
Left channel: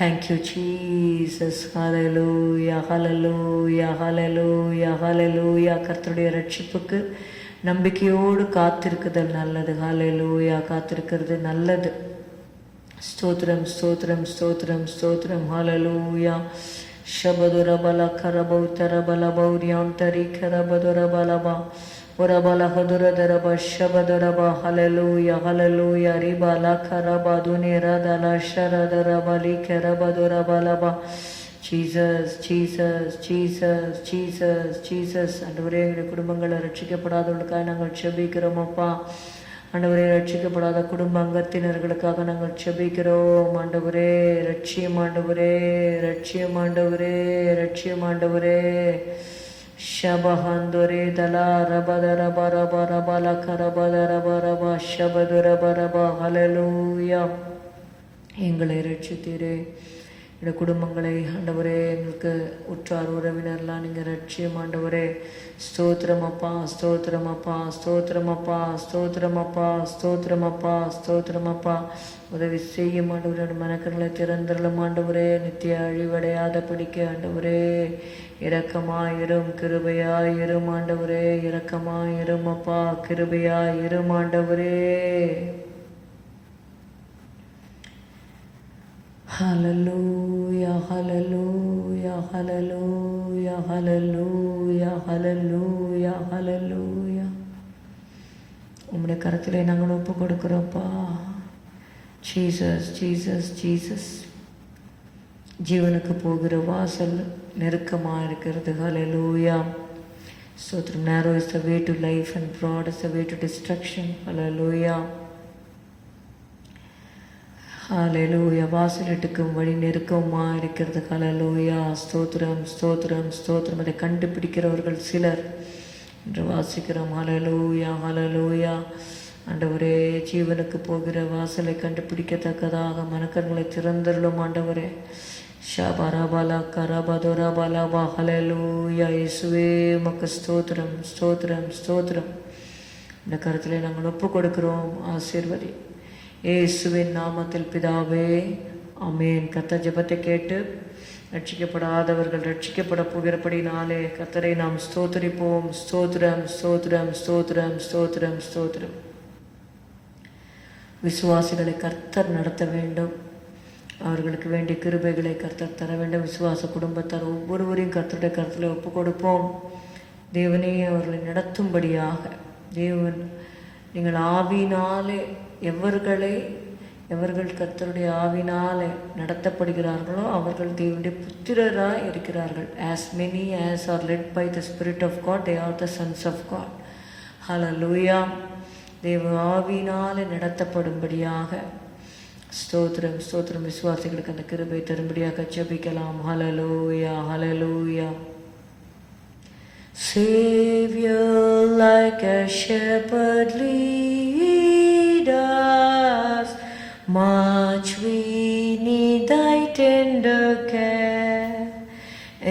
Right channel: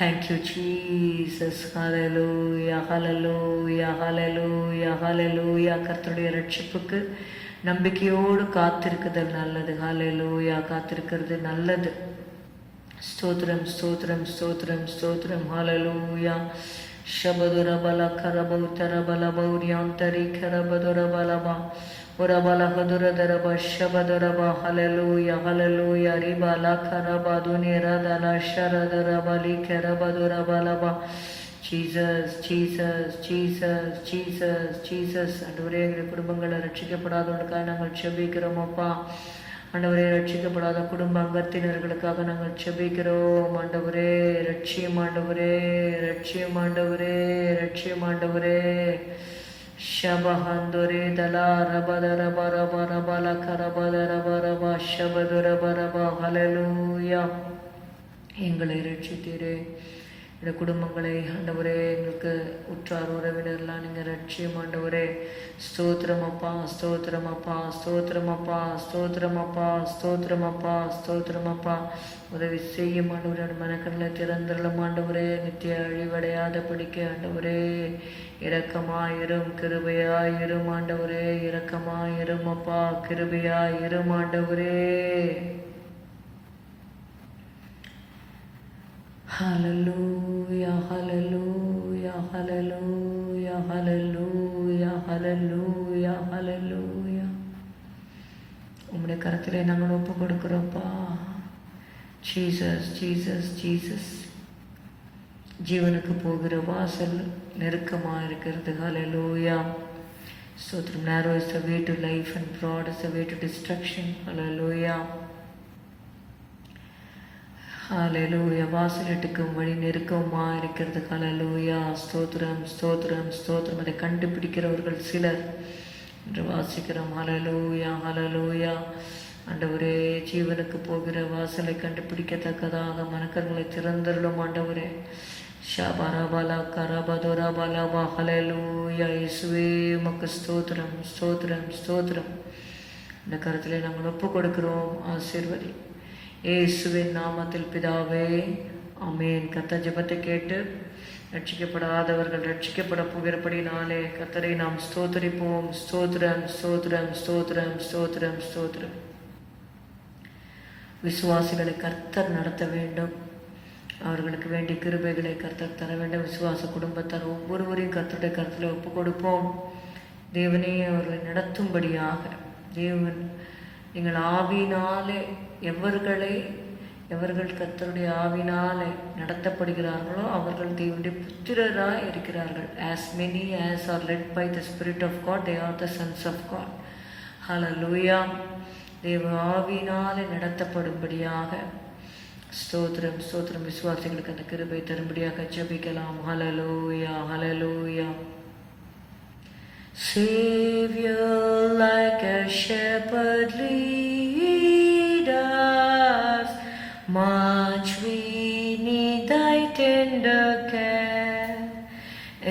Thank you Jesus. Hallelujah hallelujah hallelujah hallelujah. கர்த்தருடைய ரட்சிப்புக்கு நம்பிக்கையோடு காத்திருக்குதல் நல்லது. ஹல்லேலூயா. காத்திருக்கிறது நல்லது. ஸ்தோத்திரம் ஸ்தோத்திரம் ஸ்தோத்திரம் ஸ்தோத்திரம். ஹல்லேலூயா. ஷபதுர பல கரபௌ தரபல பௌரியாந்தரி கரபதுர பலபா ஒரபலஹதுரதரப ஷபதுரப. Hallelujah hallelujah. ரிபல கரபதுனிரதல ஷரதரபலி கரபதுர பலபா. Jesus Jesus Jesus Jesus Jesus. ஆண்டவரே எங்களுடைய குடும்பங்களை ரட்சிக்கப்படாதவர்களுக்காக நாங்கள் செபிக்கிறோம் அப்பா. ஆண்டவரே ரட்சிக்கப்படாத குடும்ப அங்கத்தினர்களுக்காக நாங்கள் செபிக்கிறோம் ஆண்டவரே. ரட்சியம் ஆண்டவரே ரட்சியம் ஆண்டவரே ரட்சியம் ஆண்டவரே. ஷபஹந்தொரே தலா ரபதர பரப ரபல கரபதர பரப ஷபதுர பரப. ஹல்லேலூயா. எங்களை ரட்சித்தீரே. இந்த குடும்பங்களை ஆண்டவரே, எங்களுக்கு உற்றார் உறவினர்லாம் நீங்கள் ரட்சியம் ஆண்டவரே. ஸ்தோத்திரமப்பா ஸ்தோத்திரமப்பா ஸ்தோத்திரமப்பா ஸ்தோத்திரமப்பா ஸ்தோத்திரமப்பா ஸ்தோத்திரமப்பா. உதவி செய்யும் ஆண்டவரே. மனக்கண்களை திறந்தரலும் ஆண்டவரே. நித்திய அழிவடையாத பிடிக்க ஆண்டவரே இரக்கமாயிரும் கிருபையாயிரும் ஆண்டவரே. இரக்கமாயிரும் அப்பா, கிருபையாயிரும் ஆண்டவரே. ஹல்லேலூயா ஹல்லேலூயா ஹல்லேலூயா ஹல்லேலூயா ஹல்லேலூயா ஹல்லேலூயா. உம்முடைய கரத்திலே நாங்கள் ஒப்பு கொடுக்கிறோம்ப்பா. Jesus Jesus Jesus. ஜீவனுக்கு போகிற வாசல் நெருக்கமாக இருக்கிறது. ஹல்லேலூயா. ஸ்தோத்திரம். narrow is the way to life and broad is the way to destruction. ஹல்லேலூயா ஹalleluya. வாசலிட்டுக்கும் வழி நெருக்கமா இருக்கிறது. ஹalleluya. ஸ்தோத்திரம் ஸ்தோத்திரம் ஸ்தோத்திரம். அதை கண்டுபிடிக்கிறவர்கள் சிலர் என்று வாசிக்கிறோம். ஹalleluya ஹalleluya. ஆண்டவரே, ஜீவனுக்கு போகிற வாசலை கண்டுபிடிக்கத்தக்கதாக மனக்கண்களை திறந்தருளும் ஆண்டவரே. ஷபரபல கரபதுரபலபா. ஹalleluya. இயேசுவே உமக்கு ஸ்தோத்திரம் ஸ்தோத்திரம் ஸ்தோத்திரம். இந்த கருத்திலே நாங்கள் ஒப்பு கொடுக்கிறோம். ஆசீர்வதி இயேசுவின் நாமத்தில் பிதாவே, ஆமென். கர்த்தர் ஜெபத்தை கேட்டு ரட்சிக்கப்படாதவர்கள் ரட்சிக்கப்பட போகிறபடினாலே கர்த்தரை நாம் ஸ்தோத்திரிப்போம். ஸ்தோத்திரம் ஸ்தோத்திரம் ஸ்தோத்திரம் ஸ்தோத்திரம் ஸ்தோத்திரம். விசுவாசிகளை கர்த்தர் நடத்த வேண்டும். அவர்களுக்கு வேண்டிய கிருபைகளை கர்த்தர் தர வேண்டும். விசுவாச குடும்பத்தார் ஒவ்வொருவரையும் கர்த்தருடைய கருத்தில் ஒப்பு கொடுப்போம். தேவனே அவர்களை நடத்தும்படியாக. தேவன், நீங்கள் ஆவியினாலே எவர்கள் கர்த்தருடைய ஆவினாலே நடத்தப்படுகிறார்களோ அவர்கள் தேவனுடைய புத்திரராய் இருக்கிறார்கள். as many as are led by the Spirit of God, they are the sons of God. Hallelujah. தேவ ஆவியினாலே நடத்தப்படும்படியாக ஸ்தோத்திரம் ஸ்தோத்திரம். விசுவாசிகளுக்கு அந்த கிருபை தரும்படியாக ஜெபிக்கலாம். ஹalleluya ஹalleluya. Savior, like a shepherd lead us, much we need thy tender care.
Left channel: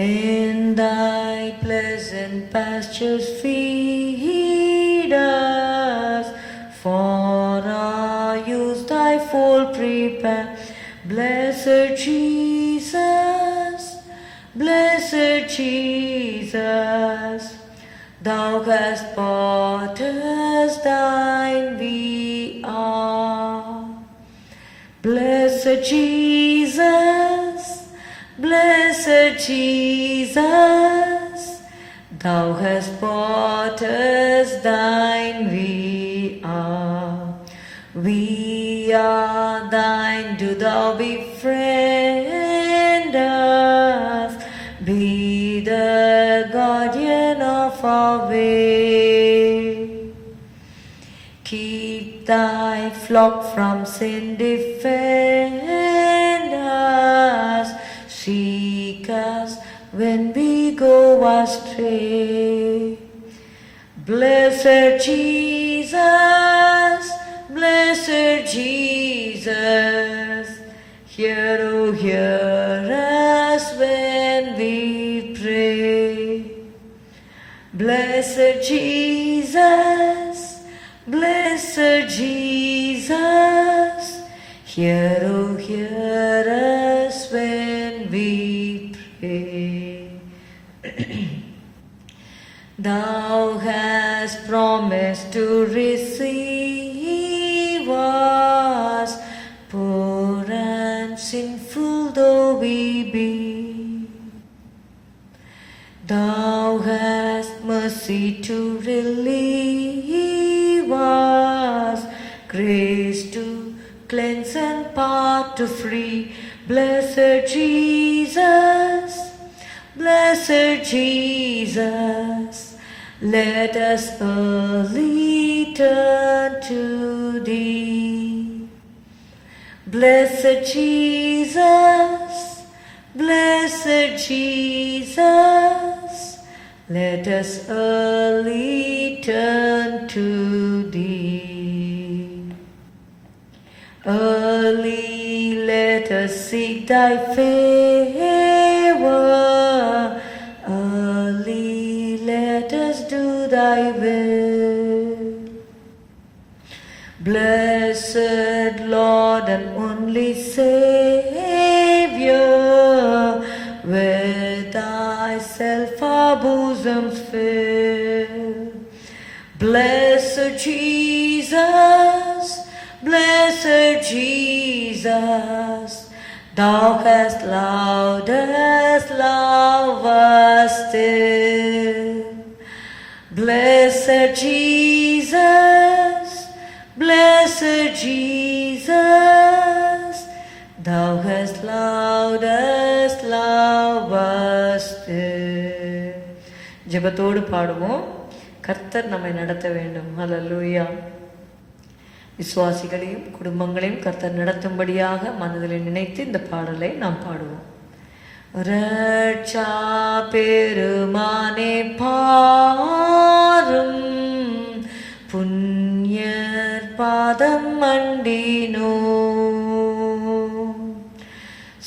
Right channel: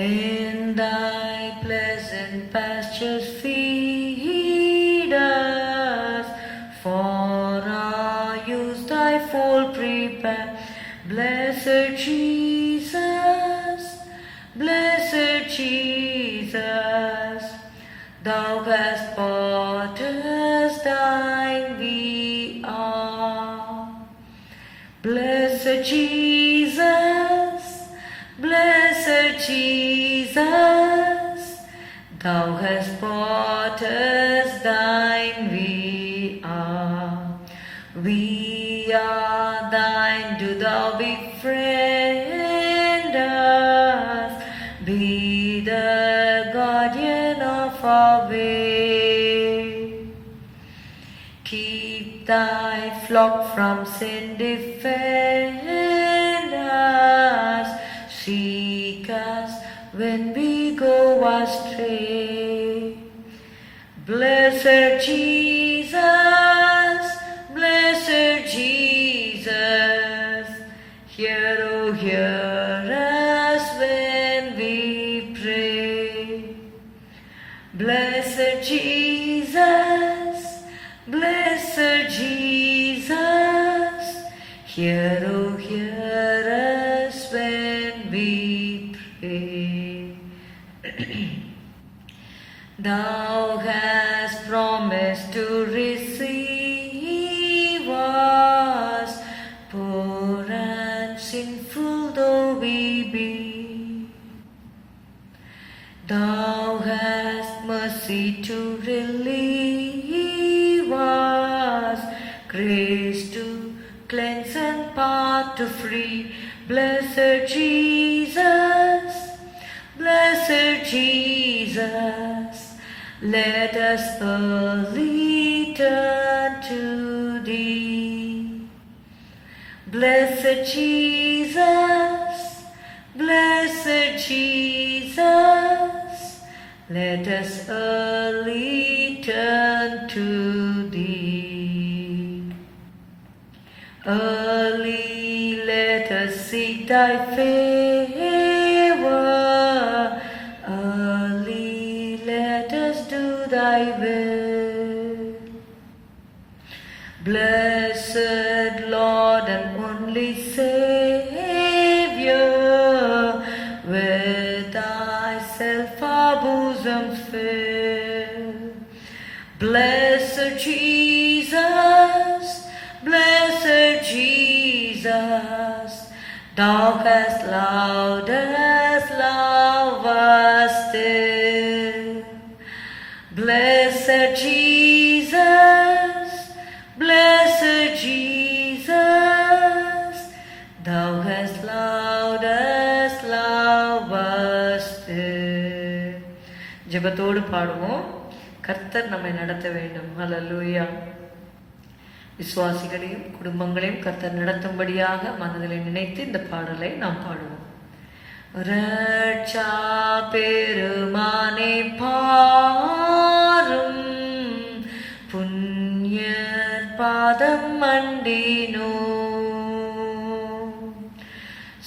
In thy pleasant pastures feed us, for our use thy fold prepare. Blessed Jesus, blessed Jesus, thou hast bought us, thine we are. Blessed Jesus, blessed Jesus, thou hast bought us, thine we are. We are thine, do thou befriend us, be the guardian of our way. Keep thy flock from sin, defend us, seek us when we go astray. Blessed Jesus, blessed Jesus, hear, oh hear us when we pray. Blessed Jesus, blessed Jesus, hear, oh hear us when we pray. Thou hast promised to receive us, poor and sinful though we be. Thou hast mercy to relieve us, grace to cleanse and power to free. Blessed Jesus, blessed Jesus, let us early turn to thee. Blessed Jesus, blessed Jesus, let us early turn to thee. Early let us seek thy favor, early let us do thy will. Blessed Lord and only Savior, with thyself our bosoms fill. Blessed Jesus, blessed Jesus, thou hast loved us, love us still. Blessed Jesus, blessed Jesus, thou hast loved us, love us still. ஜெபத்தோடு பாடுவோம். கர்த்தர் நம்மை நடத்த வேண்டும். ஹல்லேலூயா. விசுவாசிகளையும் குடும்பங்களையும் கர்த்தர் நடத்தும்படியாக மனதில் நினைத்து இந்த பாடலை நாம் பாடுவோம். ரட்சா பெருமானே பாரும், புண்ணியர் பாதம் மண்டினோ,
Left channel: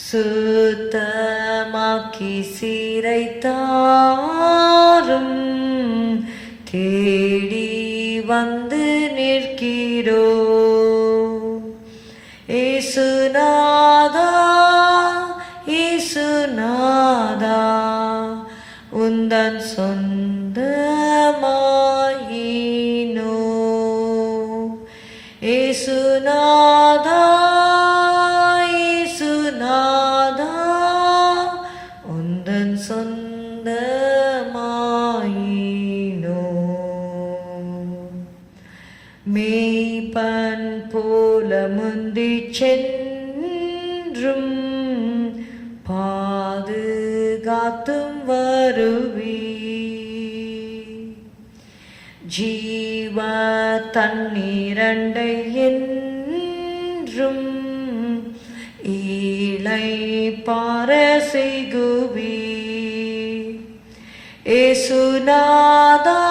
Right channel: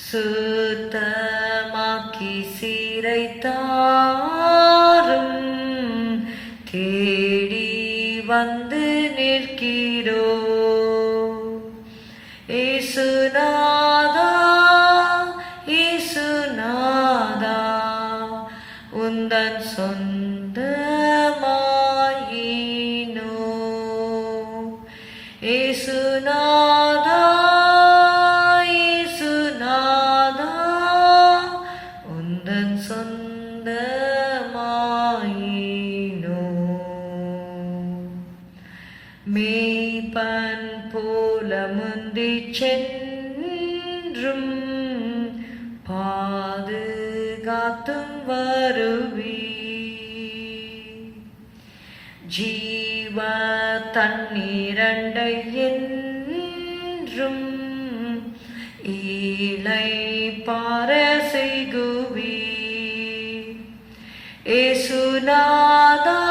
சுத்தமாக்கி சீரைத்தாரும், தேடி வந்து நிற்கிறோ. ஏசுநாதா ஏசுநாதா உந்தன் சொந்தமாயினோ. ஏசுநாதா ஏசுநாதா உந்தன் சொந்தமாயினோ. மேய்ப்பன் போல முந்திச் சென்றும் பாதுகாத்தும் வருவி, ஜீவ தண்ணீரண்டை என்றும் ஈழை பார செய்குவி. ஏசுநாதா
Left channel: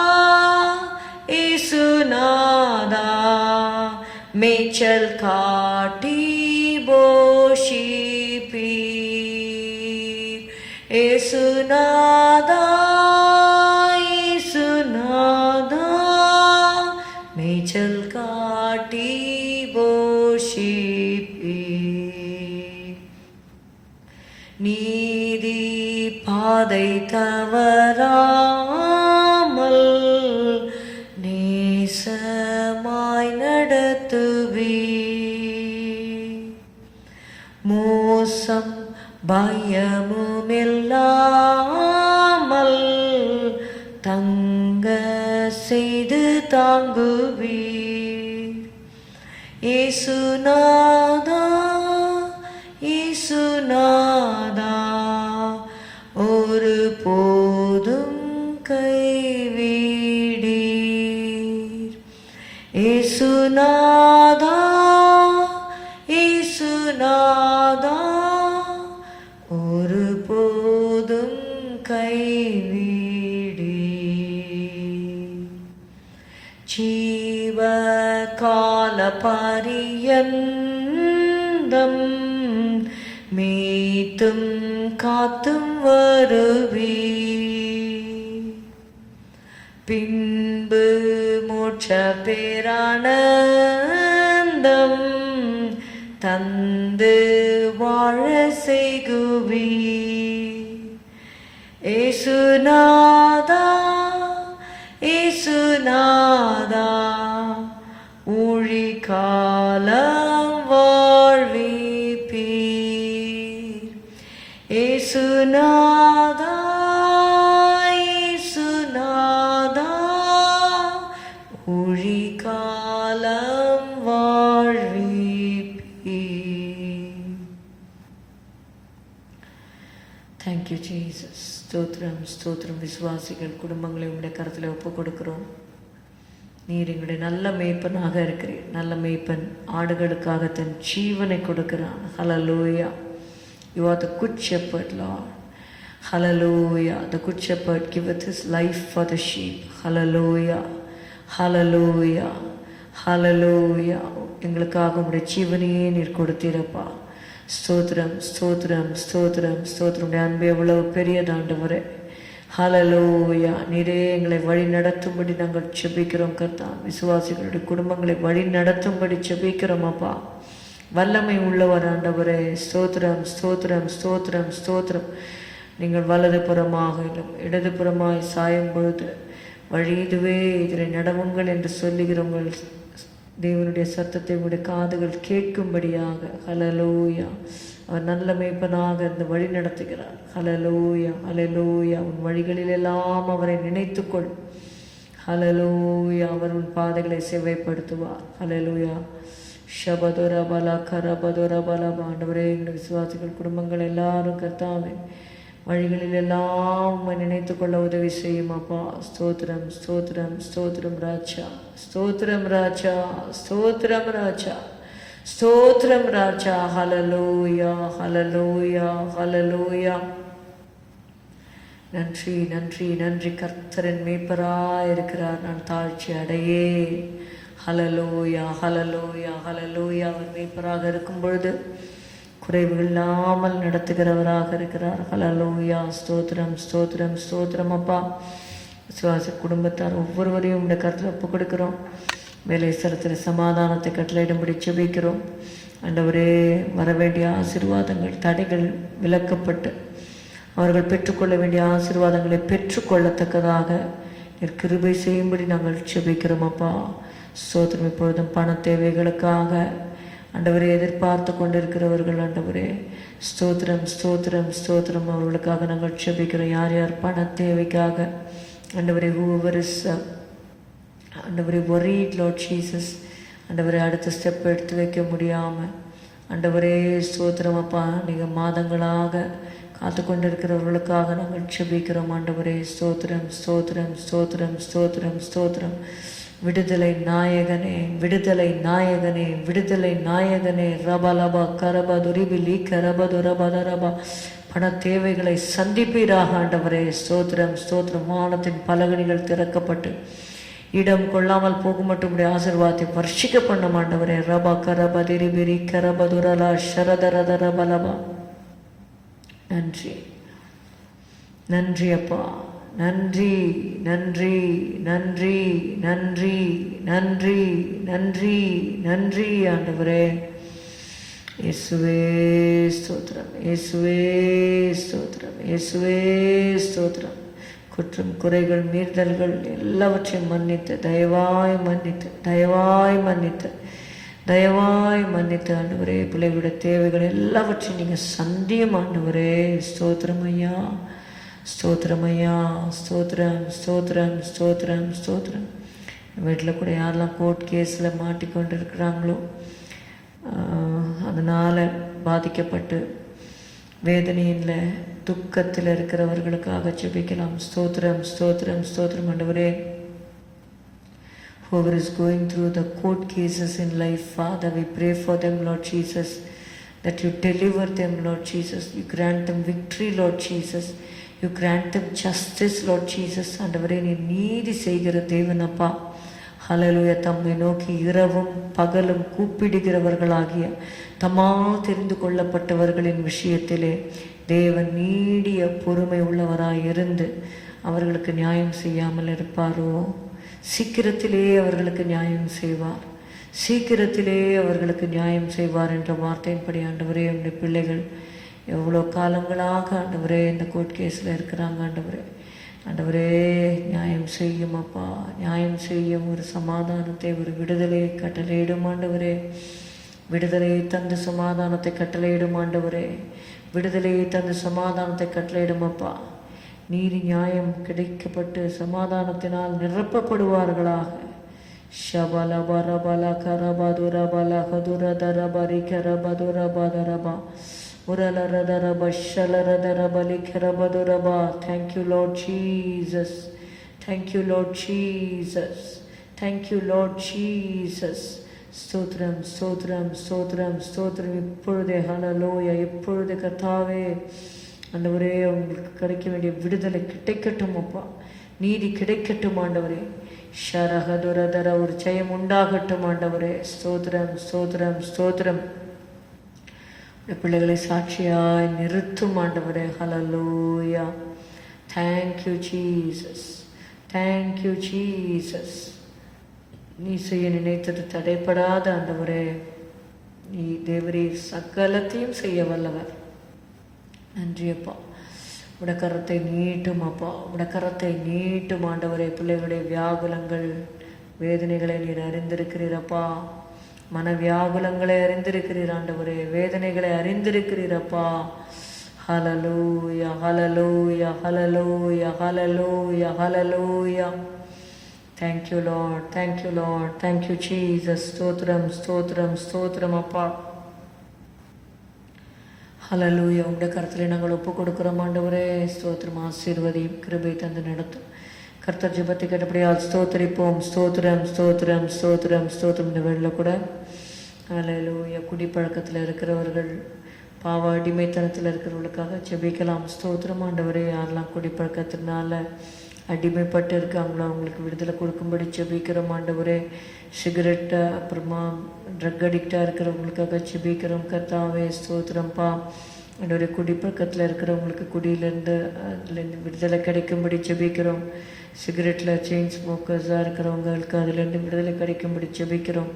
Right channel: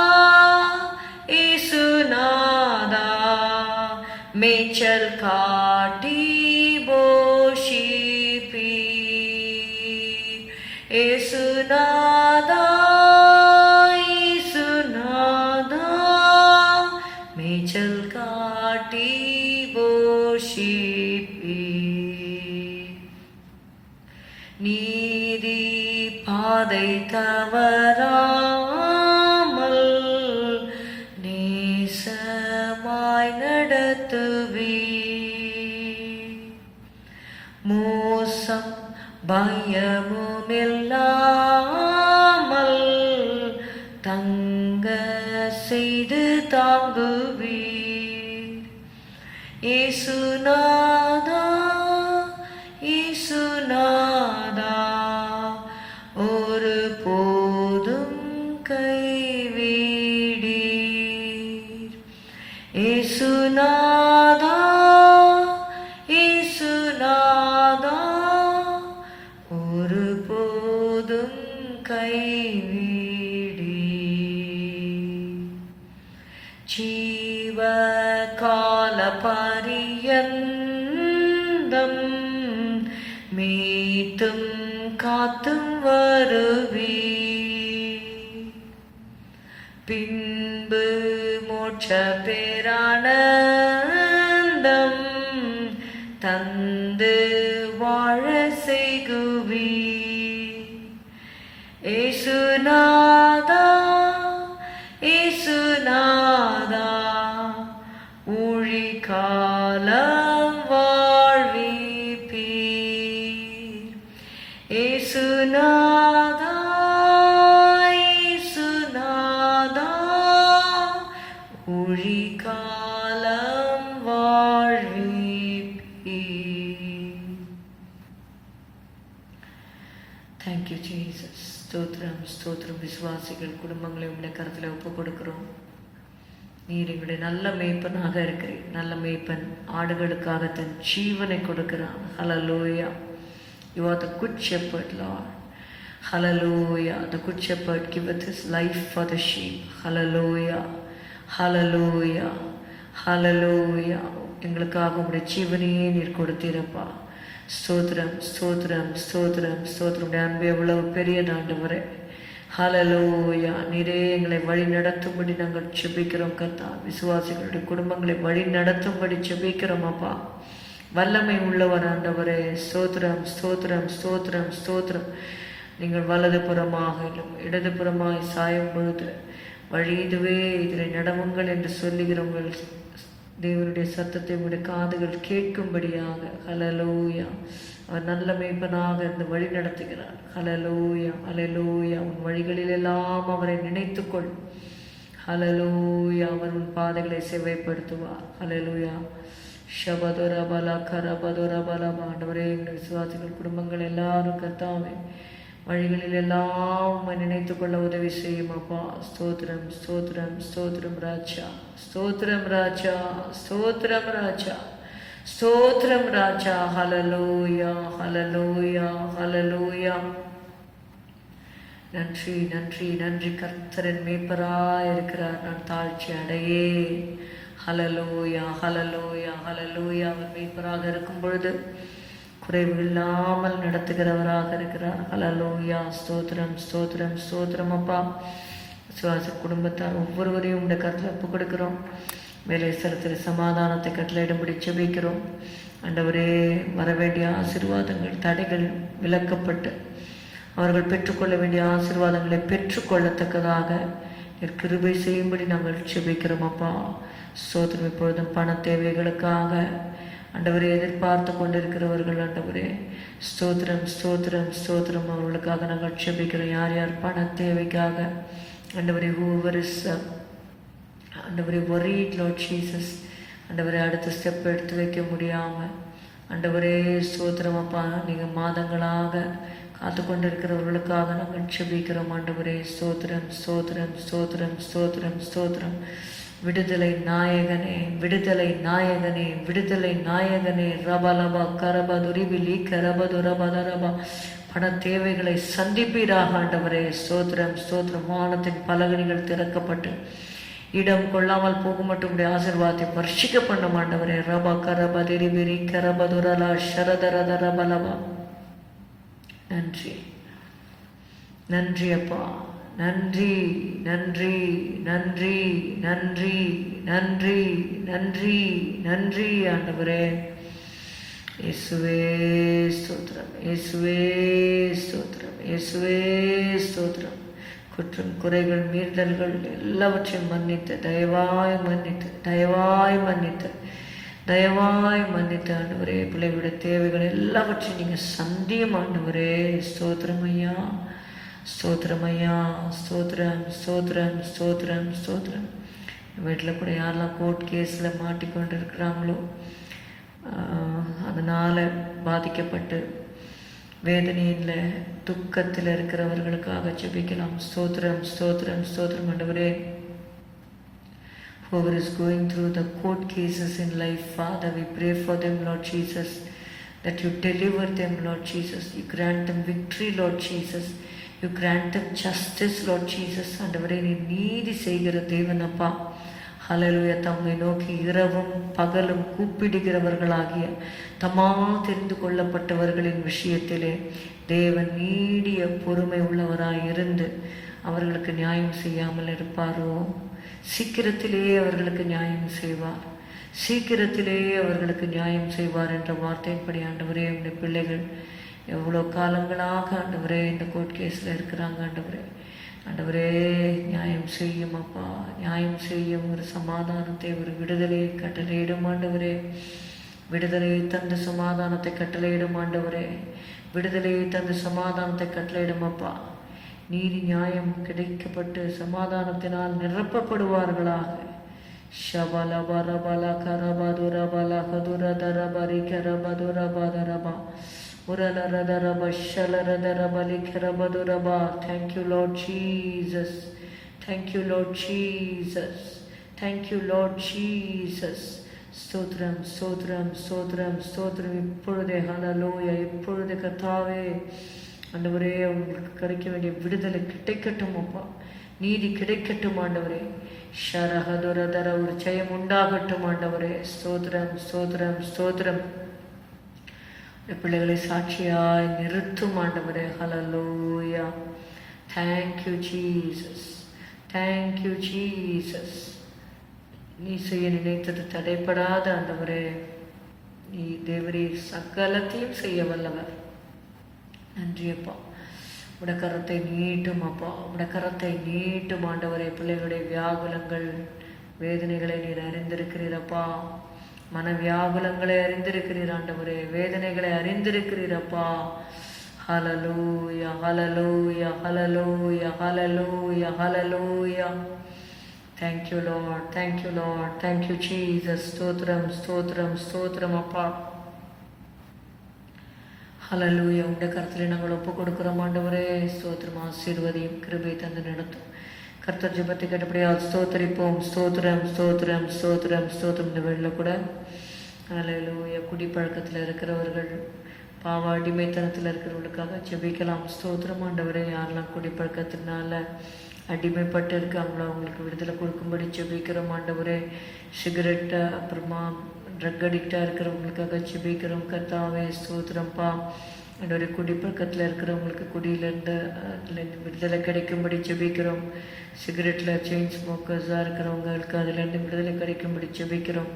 ஏசுநாதா மேய்ச்சல் காட்டி போஷிப்பீர். ஏசுநாதா ஏசுநாதா மேய்ச்சல் காட்டி போஷிப்பீர். நீதி பாதை தவறாமல் நேசமாய் நடத்துவீர். மோசம் பயமுமில்லாமல் தங்க செய்து தாங்குவீர். ஏசுநாதா ஏசுநாதா ஒரு போதும் கைவிடீர். ஏசுநாதா ஏசுநாதா ஒரு போதும் கைவிடீர். ஜீவ கால பரியந்தம் மீத்தும் காத்தும் வருவி, பின்பு மோட்ச பேரானந்தம் தந்து வாழ செய்குவி. ஏசுநாதா ஏசுநாதா ஊழிகாலம் வாழ்விப்பீர். ஏசுநாதா ஏசுநாதா ஊழிகாலம் வாழ்விப்பீர். Thank you Jesus. ஸ்தோத்திரம் ஸ்தோத்திரம். விசுவாசிகள் குடும்பங்களை உங்களுடைய கருத்தில் ஒப்பு கொடுக்கிறோம். நீர் எங்களுடைய நல்ல மேய்ப்பனாக இருக்கிறீர். நல்ல மேய்ப்பன் ஆடுகளுக்காக தன் ஜீவனை கொடுக்கிறான். ஹல்லேலூயா. You are the good shepherd, Lord. Hallelujah. The good shepherd giveth his life for the sheep. Hallelujah. Hallelujah. Hallelujah. எங்களுக்காக உங்களுடைய ஜீவனையே நீர் கொடுத்தீரப்பா. ஸ்தோத்திரம் ஸ்தோத்திரம் ஸ்தோத்திரம் ஸ்தோத்திரம். அன்பு எவ்வளவு பெரியதாண்டவரே. ஹல்லேலூயா. நீரே எங்களை வழி நடத்தும்படி நாங்கள் செபிக்கிறோம் கர்த்தா. விசுவாசிகளுடைய குடும்பங்களை வழி நடத்தும்படி செபிக்கிறோம் அப்பா. வல்லமை உள்ளவர் ஆண்டவரே. ஸ்தோத்திரம் ஸ்தோத்திரம் ஸ்தோத்திரம் ஸ்தோத்திரம். நீங்கள் வலது புறமாக இடது புறமாக சாயும் பொழுது வழி இதுவே இதில் நடவுங்கள் என்று சொல்லுகிறவங்கள் தேவனுடைய சத்தத்தை உடைய காதுகள் கேட்கும்படியாக. ஹல்லேலூயா. அவர் நல்ல மேய்ப்பனாக இருந்து வழி நடத்துகிறார். ஹல்லேலூயா ஹல்லேலூயா. உன் வழிகளிலெல்லாம் அவரை நினைத்துக்கொள். ஹல்லேலூயா. அவர் உன் பாதைகளை செவ்வாய்ப்படுத்துவார். ஹல்லேலூயா. ஷபதுர பல கரபதுர பல. ஆண்டவரே, எங்கள் விசுவாசிகள் குடும்பங்கள் எல்லாரும் கர்த்தாவே வழிகளில் எல்லாம் உம்மை நினைத்து கொள்ள உதவி செய்யும் அப்பா. ஸ்தோத்திரம் ஸ்தோத்திரம் ஸ்தோத்திரம் ராஜா, ஸ்தோத்திரம் ராஜா, ஸ்தோத்திரம் ராஜா, ஸ்தோத்திரம் ராஜா. ஹல்லேலூயா ஹல்லேலூயா ஹல்லேலூயா. நன்றி நன்றி நன்றி. கர்த்தரின் மேய்ப்பராயிருக்கிறார், நான் தாழ்ச்சி அடையே. ஹல்லேலூயா ஹல்லேலூயா ஹல்லேலூயா. அவர் மேய்ப்பராக இருக்கும் பொழுது குறைவு இல்லாமல் நடத்துகிறவராக இருக்கிறார். ஹல்லேலூயா. ஸ்தோத்திரம் ஸ்தோத்திரம் ஸ்தோத்திரம் அப்பா. விசுவாச குடும்பத்தார் ஒவ்வொருவரையும் இந்த கருத்தில் ஒப்பு கொடுக்கிறோம். வேலைஸ்தலத்தில் சமாதானத்தை கட்டளையிடும்படி ஜெபிக்கிறோம். ஆண்டவரே, வரவேண்டிய ஆசீர்வாதங்கள் தடைகள் விலக்கப்பட்டு அவர்கள் பெற்றுக்கொள்ள வேண்டிய ஆசீர்வாதங்களை பெற்றுக்கொள்ளத்தக்கதாக கிருபை செய்யும்படி நாங்கள் ஜெபிக்கிறோம் அப்பா. ஸ்தோத்திரம். இப்பொழுதும் பண தேவைகளுக்காக ஆண்டவரே எதிர்பார்த்து கொண்டிருக்கிறவர்கள் ஆண்டவரே, ஸ்தோத்திரம் ஸ்தோத்திரம் ஸ்தோத்திரம். அவர்களுக்காக நாங்கள் ஜெபிக்கிறோம். யார் யார் பண தேவைக்காக ஆண்டவரே, whoever is ஆண்டவரே worried Lord Jesus, ஆண்டவரே அடுத்த ஸ்டெப் எடுத்து வைக்க முடியாமல் ஆண்டவரே ஸ்தோத்திரம் அப்பா, நீங்கள் மாதங்களாக காத்து கொண்டிருக்கிறவர்களுக்காக நாங்கள் ஜெபிக்கிறோம் ஆண்டவரே. ஸ்தோத்திரம் ஸ்தோத்திரம் ஸ்தோத்திரம் ஸ்தோத்திரம் ஸ்தோத்திரம். விடுதலை நாயகனே, விடுதலை நாயகனே, விடுதலை நாயகனே. ரபலபா கரபதுரிபிலி கரபதுரபதரபா. பண தேவைகளை சந்திப்பீராக ஆண்டவரே. ஸ்தோத்திரம் ஸ்தோத்திரம். வானத்தின் பலகணிகள் திறக்கப்பட்டு இடம் கொள்ளாமல் போக மட்டும் ஆசீர்வாதத்தை வர்ஷிக்க பண்ண ஆண்டவரே. ரபா கரபதிரிபிரி கரபதுரலா ஷரதரதரபலபா. நன்றி நன்றி அப்பா, நன்றி நன்றி நன்றி நன்றி நன்றி நன்றி நன்றி ஆண்டவரே. இயேசுவே ஸ்தோத்திரம், இயேசுவே ஸ்தோத்திரம், இயேசுவே ஸ்தோத்திரம். குற்றம் குறைகள் மீறுதல்கள் எல்லாவற்றையும் மன்னித்து தயவாய் மன்னித்து தயவாய் மன்னித்து தயவாய் மன்னித்து ஆண்டவரே, பிள்ளைகளுடைய தேவைகள் எல்லாவற்றையும் நீங்கள் சந்தியும் ஆண்டவரே. ஸ்தோத்திரம் ஐயா, ஸ்தோத்திரம் ஐயா, ஸ்தோத்திரம் ஸ்தோத்திரம் ஸ்தோத்திரம் ஸ்தோத்திரம். வீட்டில் கூட யாரெல்லாம் கோர்ட் கேஸில் மாட்டிக்கொண்டு இருக்கிறாங்களோ, அதனால் பாதிக்கப்பட்டு வேதனையில் துக்கத்தில் இருக்கிறவர்களுக்காக ஜெபிக்கலாம். ஸ்தோத்திரம் ஸ்தோத்திரம் ஸ்தோத்திரம் ஆண்டவரே. Whoever is going through the court cases in life, Father, we pray for them, Lord Jesus, that you deliver them, Lord Jesus. You grant them victory, Lord Jesus. You grant them justice, Lord Jesus. ஆண்டவரே, நீ நீதி செய்கிற தேவன் அப்பா. ஹல்லேலூயா. தம்மை நோக்கி இரவும் பகலும் கூப்பிடுகிறவர்களாகிய தம்மால் தெரிந்து கொள்ளப்பட்டவர்களின் விஷயத்திலே தேவன் நீடிய பொறுமை உள்ளவராய் இருந்து அவர்களுக்கு நியாயம் செய்யாமல் இருப்பாரோ? சீக்கிரத்திலே அவர்களுக்கு நியாயம் செய்வார், சீக்கிரத்திலே அவர்களுக்கு நியாயம் செய்வார் என்ற வார்த்தையின்படி ஆண்டவரே, உங்களுடைய பிள்ளைகள் எவ்வளோ காலங்களாக ஆண்டவரே இந்த கோர்ட் கேஸில் இருக்கிறாங்க ஆண்டவரே. ஆண்டவரே, நியாயம் செய்யும் அப்பா, நியாயம் செய்யும். ஒரு சமாதானத்தை, ஒரு விடுதலையை கட்டளையிடும் ஆண்டவரே. விடுதலையை தந்து சமாதானத்தை கட்டளையிடும் ஆண்டவரே. விடுதலையை தந்து சமாதானத்தை கட்டளையிடும் அப்பா. நீதி நியாயம் கிடைக்கப்பட்டு சமாதானத்தினால் நிரப்பப்படுவார்களாக. ஷபலபரபல கரபதுரபல கதுரதரபரி கரபதுரபதரபா உரலரதரப ஷலரதரபலி கரபதுரபா. Thank you Lord Jesus, thank you Lord Jesus, thank you Lord Jesus. ஸ்தோத்திரம் ஸ்தோத்திரம் ஸ்தோத்திரம் ஸ்தோத்திரம். இப்பொழுதே ஹல்லேலூயா. இப்பொழுது கர்த்தாவே ஆண்டவரே, அவங்களுக்கு கிடைக்க வேண்டிய விடுதலை கிடைக்கட்டும் அப்பா. நீதி கிடைக்கட்டும் ஆண்டவரே. ஷரஹதுரதர ஒரு ஜெயம் உண்டாகட்டும் ஆண்டவரே. ஸ்தோத்திரம் ஸ்தோத்திரம் ஸ்தோத்திரம். பிள்ளைகளை சாட்சியாய் நிறுத்தும் ஆண்டவரே. Hallelujah. Thank you Jesus, thank you Jesus. நீ செய்ய நினைத்தது தடைப்படாத ஆண்டவரே. நீ தேவரே சகலத்தையும் செய்ய வல்லவர். நன்றி அப்பா. உடக்கரத்தை நீட்டும் அப்பா, உடக்கரத்தை நீட்டும் ஆண்டவரே. பிள்ளைகளுடைய வியாகுலங்கள் வேதனைகளை நீர் அறிந்திருக்கிறீரப்பா. மன வியாகுலங்களை அறிந்திருக்கிறீர் ஆண்டவரே. வேதனைகளை அறிந்திருக்கிறீரப்பா. ஹல்லேலூயா hallelujah hallelujah hallelujah hallelujah. Thank you Lord, thank you Lord, thank you Jesus. ஸ்தோத்திரம் ஸ்தோத்திரம் ஸ்தோத்திரம் அப்பா. ஹல்லேலூயா. உடைய கருத்தில் நாங்கள் ஒப்பு கொடுக்குறோம் ஆண்டவரே. ஸ்தோத்திரம். ஆசீர்வதியும் கிருபை தந்து நடத்தும். கர்த்தர் ஜெபத்தை கேட்டபடியால் ஸ்தோத்திரிப்போம். ஸ்தோத்திரம் ஸ்தோத்திரம் ஸ்தோத்திரம் ஸ்தோத்திரம். இந்த வேளையில் கூட ஹல்லேலூயா குடிப்பழக்கத்தில் இருக்கிறவர்கள், பாவ அடிமைத்தனத்தில் இருக்கிறவர்களுக்காக ஜெபிக்கலாம். ஸ்தோத்திரம் ஆண்டவரே. யாரெல்லாம் குடிப்பழக்கத்தினால அடிமைப்பட்டு இருக்காங்களோ அவங்களுக்கு விடுதலை கொடுக்கும்படி ஜெபிக்கிறோம் ஆண்டவரே. சிகரெட்டு அப்புறமா ட்ரக் அடிக்டாக இருக்கிறவங்களுக்காக ஜெபிக்கிறோம் கர்த்தாவே. ஸ்தோத்திரம்ப்பா ஆண்டவரே. குடிப்பழக்கத்தில் இருக்கிறவங்களுக்கு குடியிலேருந்து அதுலேருந்து விடுதலை கிடைக்கும்படி ஜெபிக்கிறோம். சிகரெட்டில் செயின் ஸ்மோக்கர்ஸாக இருக்கிறவங்களுக்கு அதுலேருந்து விடுதலை கிடைக்கும்படி ஜெபிக்கிறோம்.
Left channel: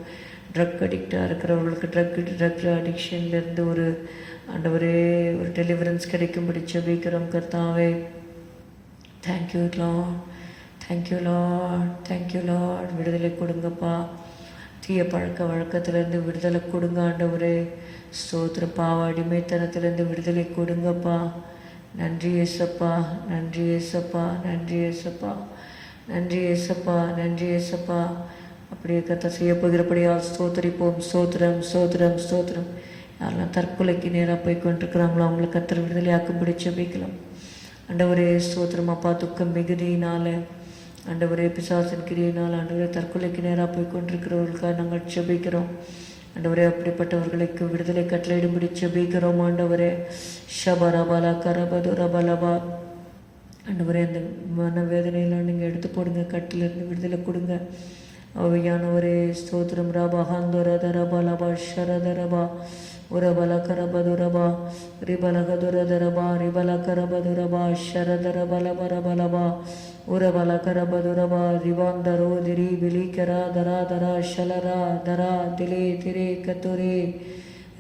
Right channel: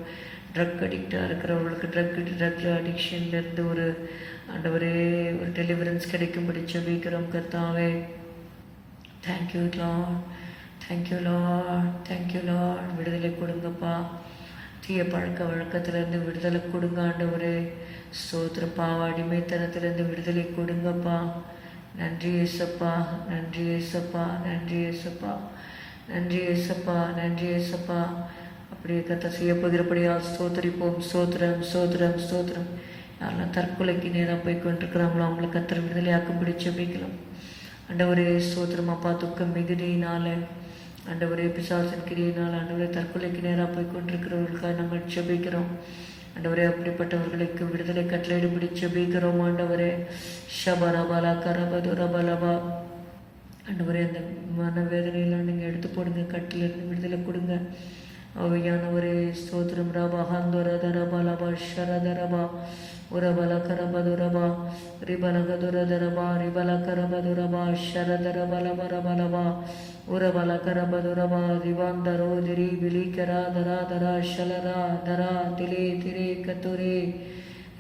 ட்ரக் அடிக்டாக இருக்கிறவங்களுக்கு ட்ரக் அடிக்ஷன்லேருந்து ஒரு ஆண்டவரே ஒரு டெலிவரன்ஸ் கிடைக்கும்படி ஜெபிக்கிறோம் கர்த்தாவே. Thank you lord, thank you lord, thank you Lord. விடுதலை கொடுங்கப்பா. தீய பழக்க வழக்கத்திலேருந்து விடுதலை கொடுங்க ஆண்டவரே. ஸ்தோத்திர. பாவ அடிமைத்தனத்திலேருந்து விடுதலை கொடுங்கப்பா. நன்றி ஏசப்பா, நன்றி ஏசப்பா, நன்றி ஏசப்பா, நன்றி ஏசப்பா, நன்றி ஏசப்பா. அப்படியே கத்த செய்ய போகிறபடியால் ஸ்தோத்திரிப்போம். ஸ்தோத்திரம் ஸ்தோத்திரம் ஸ்தோத்திரம். யாரெல்லாம் தற்கொலைக்கு நேராக போய் கொண்டிருக்கிறாங்களோ அவங்கள கத்தர் விடுதலையாக்கும்படி ஜெபிக்கலாம் ஆண்டவரே. ஸ்தோத்திரம் அப்பா. துக்கம் மிகுதியினால ஆண்டவரே, பிசாசின் கிரியினால் ஆண்டவரே தற்கொலைக்கு நேராக போய் கொண்டிருக்கிறவர்களுக்காக நாங்கள் ஜெபிக்கிறோம் ஆண்டவரே. அப்படிப்பட்டவர்களுக்கு விடுதலை கட்டளையிடும்படி ஜெபிக்கிறோம் ஆண்டவரே. ஷபரபலா கரபதுரபலபா ஆண்டவரே. அந்த மனவேதனையெல்லாம் நீங்கள் எடுத்து போடுங்க. கட்டிலிருந்து விடுதலை கொடுங்க அவையானவரே. ஸ்தோத்திரம். ரபா ஹந்தோரதரபலபா ஷரதரபா உரபல கரபதுரபா ரிபலகதுரதரபா ரிபல கரபதுரபா ஷரதரபலபரபலபா உரபல கரபதுரபா ரிவாந்தரோ திரி பிலிகரா தரா தரா ஷலரா தரா திலே திரே கத்துரே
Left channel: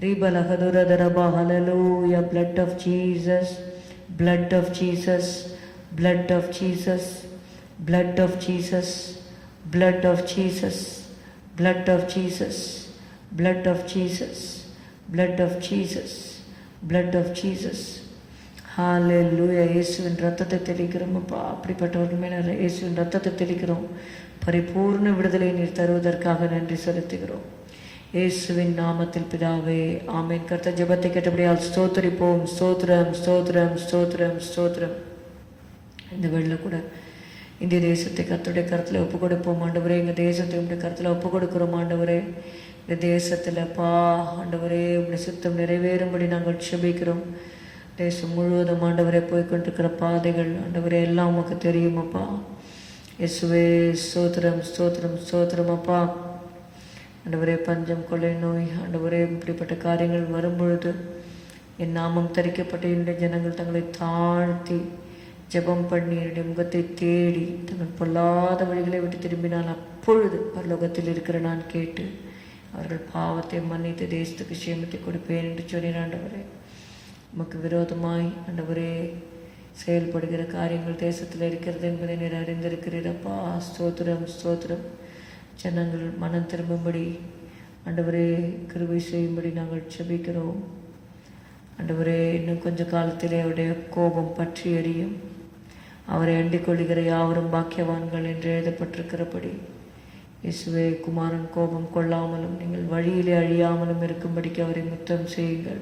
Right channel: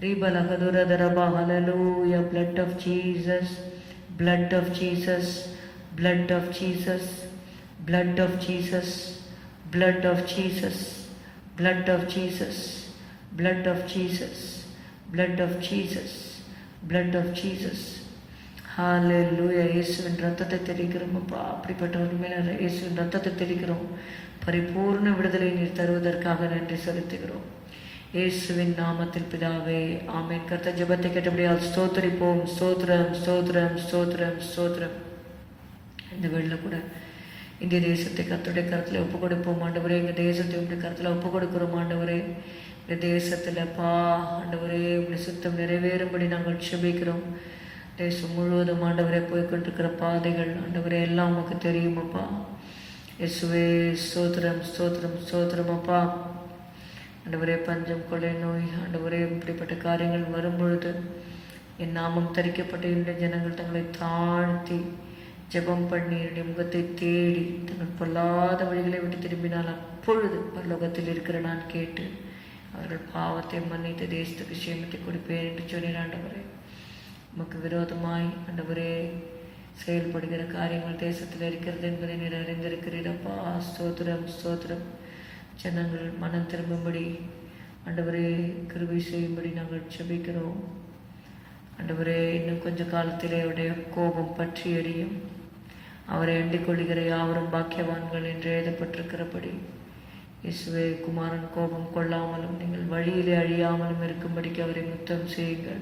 ரிபலகதுரதரபா. ஹல்லேலூயா. blood of Jesus, blood of Jesus, blood of Jesus, blood of Jesus, blood of Jesus, blood of Jesus, blood of Jesus, blood of Jesus, blood of Jesus. ஹல்லேலூயா. இயேசுவின் ரத்தத்தை தெளிக்கிறோம் அப்பா. அப்படிப்பட்டவர்கள் மேலே இயேசுவின் ரத்தத்தை தெளிக்கிறோம். பரிபூர்ண விடுதலை நீர் தருவதற்காக நன்றி செலுத்துகிறோம் இயேசுவின் நாமத்தில் பிதாவே, ஆமென். கர்த்தர் ஜெபத்தை கேட்டபடியால் ஸ்தோத்திரிப்போம். ஸ்தோத்திரம் ஸ்தோத்திரம் ஸ்தோத்திரம் ஸ்தோத்திரம். இந்த வேளையில் கூட இந்திய தேசத்தை கர்த்தருடைய கருத்தில் ஒப்பு கொடுப்போம் ஆண்டவரே. எங்கள் தேசத்தை உடைய கருத்தில் ஒப்பு கொடுக்குறோம் ஆண்டவரே. இந்த தேசத்தில் பா ஆண்டவரே உடைய சுத்தம் நிறைவேறும்படி நாங்கள் ஜெபிக்கிறோம். தேசம் முழுவதும் ஆண்டவரே போய்கொண்டிருக்கிற பாதைகள் ஆண்டவரே எல்லாம் நமக்கு தெரியுமப்பா. இயேசுவே ஸ்தோத்திரம் ஸ்தோத்திரம் ஸ்தோத்திரம் அப்பா. ஆண்டவரே பஞ்சம், கொலை, நோய் ஆண்டவரே இப்படிப்பட்ட காரியங்கள் வரும்பொழுது என் நாமம் தரிக்கப்பட்ட என்னுடைய ஜனங்கள் தங்களை தாழ்த்தி ஜெபம் பண்ணி என்னுடைய முகத்தை தேடி தங்கள் பொல்லாத வழிகளை விட்டு திரும்பினால் அப்பொழுது பரலோகத்தில் இருக்கிற நான் கேட்டு அவர்கள் பாவத்தை மன்னித்து தேசத்துக்கு சேமத்தை கொடுப்பேன் என்று சொன்னேன் ஆண்டவரே. உமக்கு விரோதமாய் ஆண்டவரே செயல்படுகிற காரியங்கள் தேசத்தில் இருக்கிறது என்பதை நீர் அறிந்திருக்கிறீரப்பா. ஸ்தோத்திரம் ஸ்தோத்திரம். ஜனங்கள் மனம் திரும்பும்படி ஆண்டவரே கிருபை செய்யும்படி நாங்கள் ஜெபிக்கிறோம் ஆண்டவரே. இன்னும் கொஞ்ச காலத்திலே அவருடைய கோபம் பற்றி எரியும். அவரை அண்டிக் கொள்கிற யாவரும் பாக்கியவான்கள் என்று எழுதப்பட்டிருக்கிறபடி இயேசுவே குமாரன் கோபம் கொள்ளாமலும் நீங்கள் வழியிலே அழியாமலும் இருக்கும்படிக்கு அவரை முத்தம் செய்யுங்கள்.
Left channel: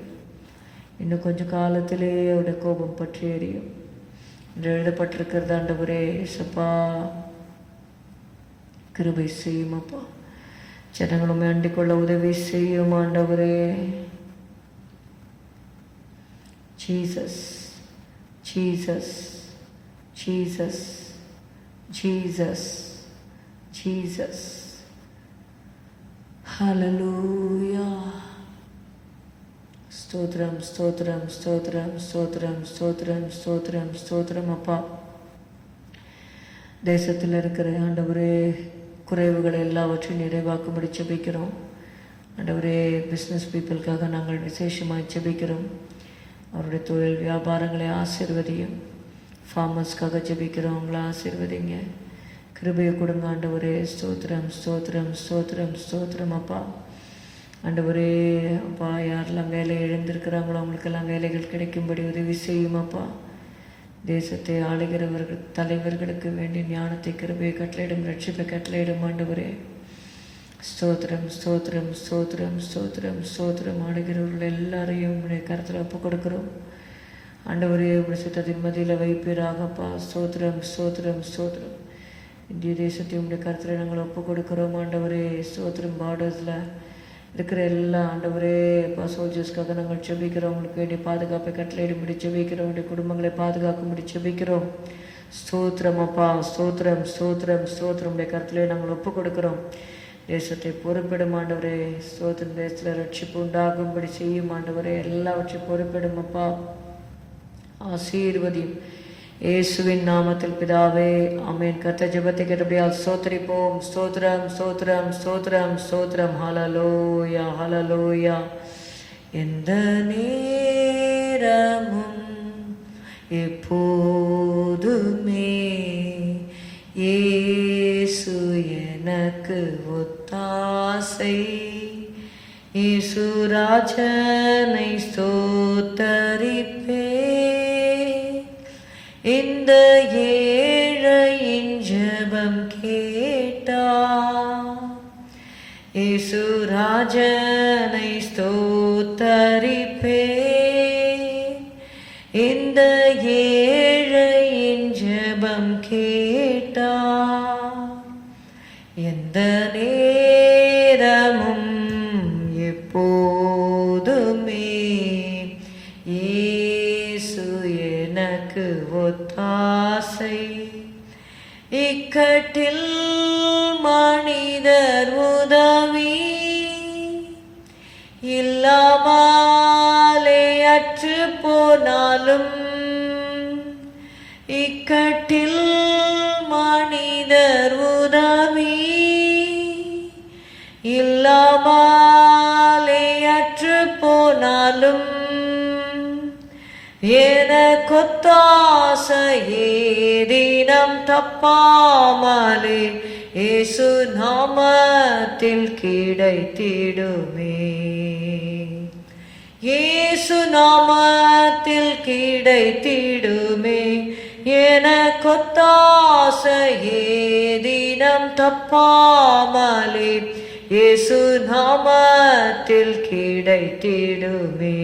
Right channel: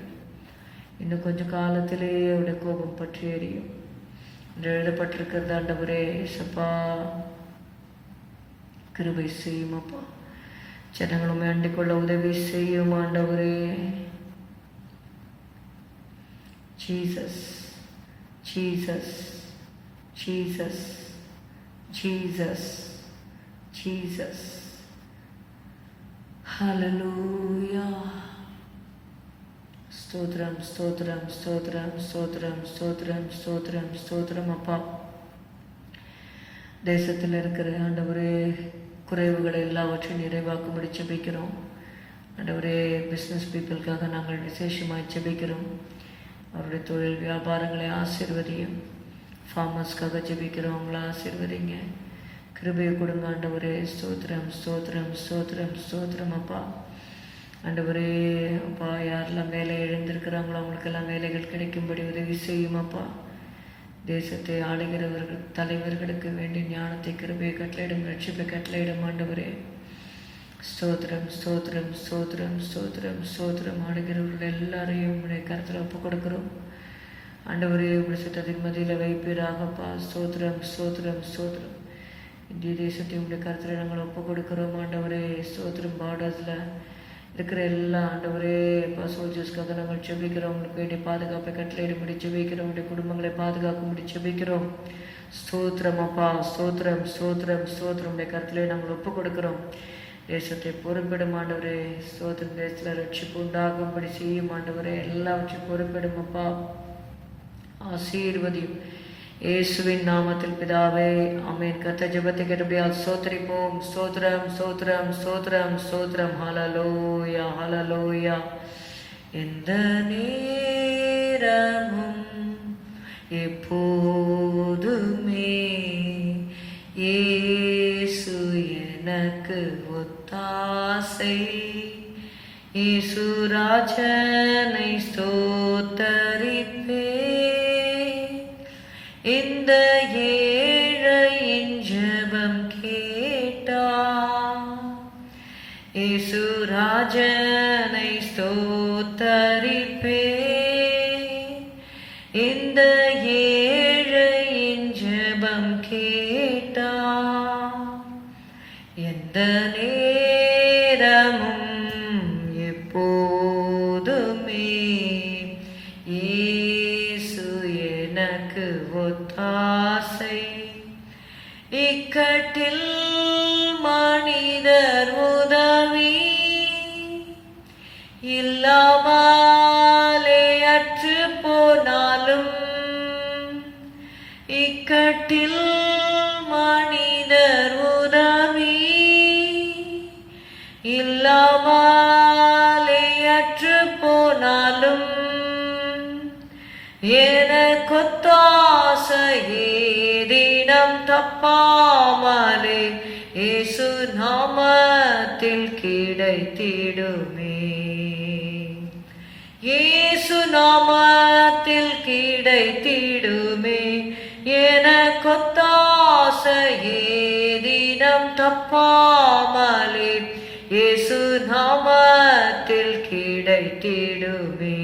இன்னும் கொஞ்ச காலத்திலே அவருடைய கோபம் பற்றி எரியும் என்று எழுதப்பட்டிருக்கிறது ஆண்டவரே. இயேசப்பா கிருபை செய்யும் அப்பா. ஜனங்களும் அண்டிக் கொள்ள உதவி செய்யும் ஆண்டவரே. Jesus Jesus Jesus Jesus Jesus. Hallelujah. ஸ்தோத்திரம் ஸ்தோத்திரம் ஸ்தோத்திரம் ஸ்தோத்திரம் ஸ்தோத்திரம் ஸ்தோத்திரம் ஸ்தோத்திரம் அப்பா. தேசத்தில் இருக்கிற ஆண்டவரே குறைவுகளை எல்லாவற்றையும் நிறைவாக்கும்படி ஜெபிக்கிறோம் ஆண்டவரே. பிஸ்னஸ் பீப்புளுக்காக நாங்கள் விசேஷமாக ஜெபிக்கிறோம். அவருடைய தொழில் வியாபாரங்களை ஆசீர்வதியும். ஃபார்மர்ஸ்க்காக ஜெபிக்கிறோம், அவங்கள ஆசீர்வதிங்க. கிருபையை கொடுங்க ஆண்டவரே. ஸ்தோத்திரம் ஸ்தோத்திரம் ஸ்தோத்திரம் ஸ்தோத்திரம் அப்பா. ஆண்டவரே அப்பா யாரெல்லாம் வேலை எழுந்திருக்கிறாங்களோ அவங்களுக்கெல்லாம் வேலைகள் கிடைக்கும்படி உதவி செய்யும் அப்பா. தேசத்தை ஆளுகிறவர்கள் தலைவர்களுக்கு வேண்டிய ஞானத்தை கிருபையை கட்டளையிடும், ரட்சிப்பை கட்டளையிடும் ஆண்டவரே. ஸ்தோத்திரம் ஸ்தோத்திரம் ஸ்தோத்திரம் ஸ்தோத்திரம் ஸ்தோத்திரம். ஆடுகிறவர்கள் எல்லாரையும் உடைய கருத்தில் ஒப்பு கொடுக்கிறோம். ஆண்டவரே உடைய சித்தத்தின் மதியில் வைப்பீராகப்பா. ஸ்தோத்திரம் ஸ்தோத்திரம் ஸ்தோத்திரம். இந்திய தேசத்தை உடைய கருத்தில் நாங்கள் ஒப்பு கொடுக்கிறோம். ஆண்டவரே ஸ்தோத்திரம். பார்டர்ஸில் இருக்கிற எல்லா ஆண்டவரே அப்பா சோல்ஜர்ஸ்க்காக நாங்கள் செபிக்கிறோம். உங்களுக்கு வேண்டிய பாதுகாப்பை கட்டளையிட முடி செபிக்கிறோம். வேண்டிய குடும்பங்களை பாதுகாக்க முடி செபிக்கிறோம். ஸ்தோத்திரம் அப்பா. ஸ்தோத்திரம் ஸ்தோத்திரம் ஸ்தோத்திரம். உடைய கருத்திலே நாங்கள் ஒப்பு கொடுக்கிறோம். தேசத்தை பொறுப்பிடும் ஆண்டவரே. ஸ்தோத்திரம். தேசத்தில் ரட்சிப்பு உண்டாகும்படி செய்யும் ஆண்டவரே. எல்லாவற்றையும் பொறுப்பிடும் அப்பா. ஆசீர்வதியும் இயேசுவின் நாமத்தில் பிதாவே, ஆமென். கர்த்தர் ஜெபத்தை கேட்டபடியால் ஸ்தோத்திரிப்போம். ஸ்தோத்திரம் ஸ்தோத்திரம் ஸ்தோத்திரம் ஸ்தோத்திரம். ஹல்லேலூயா ஹல்லேலூயா. எந்த நேரமும் எப்போதுமே இயேசு எனக்கு ஒத்தாசை. இயேசு ராஜனை ஸ்தோத்தரிப்பே. இந்த ஏழையின் ஜெபம் கேட்டா. இயேசு ராஜனை ஸ்தோத்தரிப்பே. இந்த ஏழையின் ஜெபம் கேட்டா. எந்த நேரமும் எப்போதுமே இயேசு எனக்கு ஒத்தாசை. இக்கட்டில் மனிதர் உதவி இல்லாமலே அற்று போனாலும். இக்கட்டில் மனிதர் உதவி இல்லாமலே அற்று போனாலும். எனக்கொத்தாசையே தினம் தப்பாமலே இயேசு நாமத்தில் கிடைத்திடுமே. இயேசு நாமத்தில் கிடைத்திடுமே. எனக்கொத்தாசையே தினம் தப்பாமலே இயேசு நாமத்தில் கிடைத்திடுமே.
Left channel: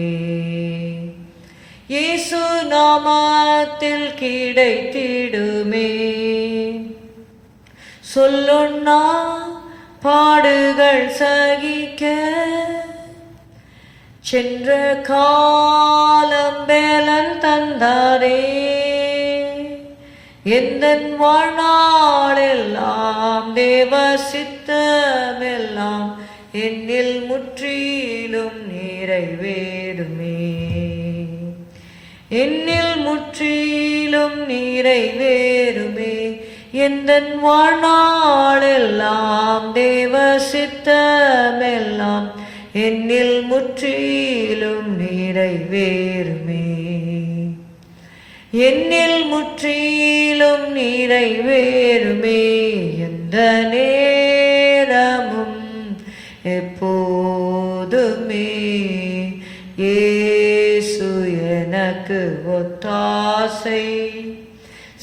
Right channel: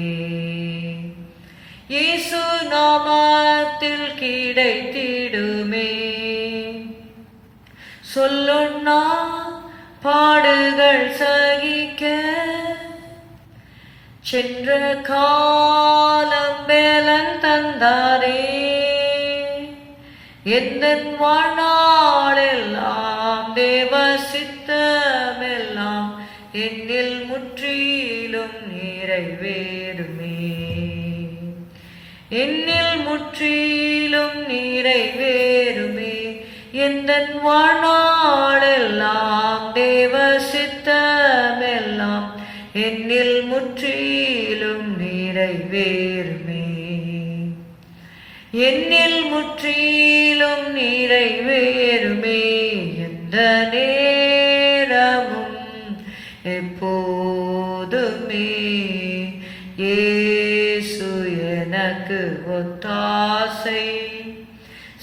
இயேசு நாமத்தில் கிடைத்திடுமே. சொல்லுண்ணா பாடுகள் சகிக்க சென்ற காலம் வேலன் தந்தாரே. எந்தன் வாழ்நாளெல்லாம் தேவ சித்தமெல்லாம் என்னில் முற்றிலும் நிறைவேறுமே. என்னில் முற்றிலும் நிறைவேறுமே. எந்தன் வாழ்நாளெல்லாம் தேவ சித்தமெல்லாம் என்னில் முற்றிலும் நிறைவேறுமே. என்னில் முற்றிலும் நிறைவேறுமே. எந்த நேரமும் எப்போதுமே இயேசு எனக்கு ஒத்தாசை.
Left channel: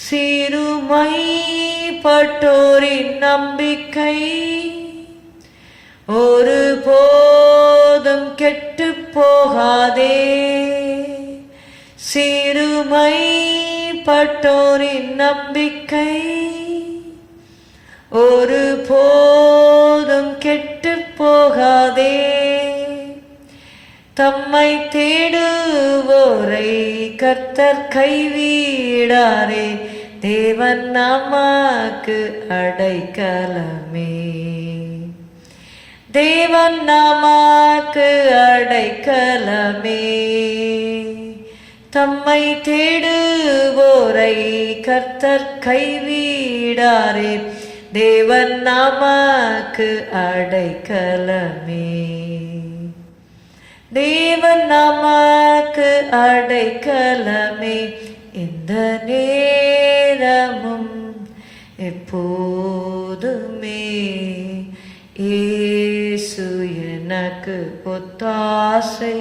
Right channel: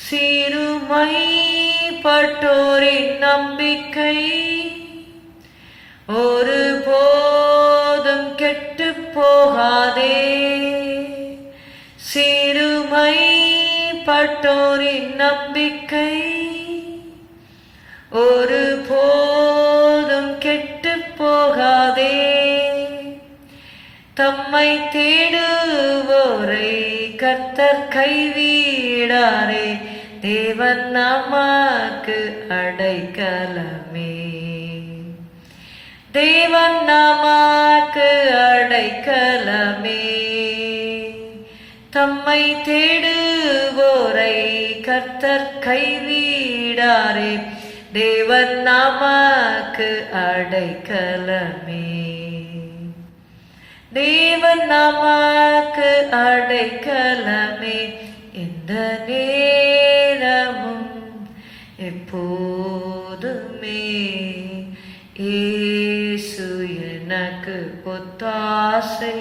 சிறுமைப்பட்டோரின் நம்பிக்கை ஒரு போதும் கெட்டு போகாதே. சிறுமைப்பட்டோரின் நம்பிக்கை ஒரு போதும் கெட்டு போகாதே. தம்மை தேடுவோரை கர்த்தர் கைவிடாரே. தேவன் நமக்கு அடைக்கலமே. தேவன் நமக்கு அடைக்கலமே. தம்மை தேடுவோரை கர்த்தர் கைவிடாரே. தேவன் நமக்கு அடைக்கலமே. தேவன் நமக்கு அடைக்கலமே. எந்த நேரமும் எப்போதுமே இயேசு எனக்கு ஒத்தாசை.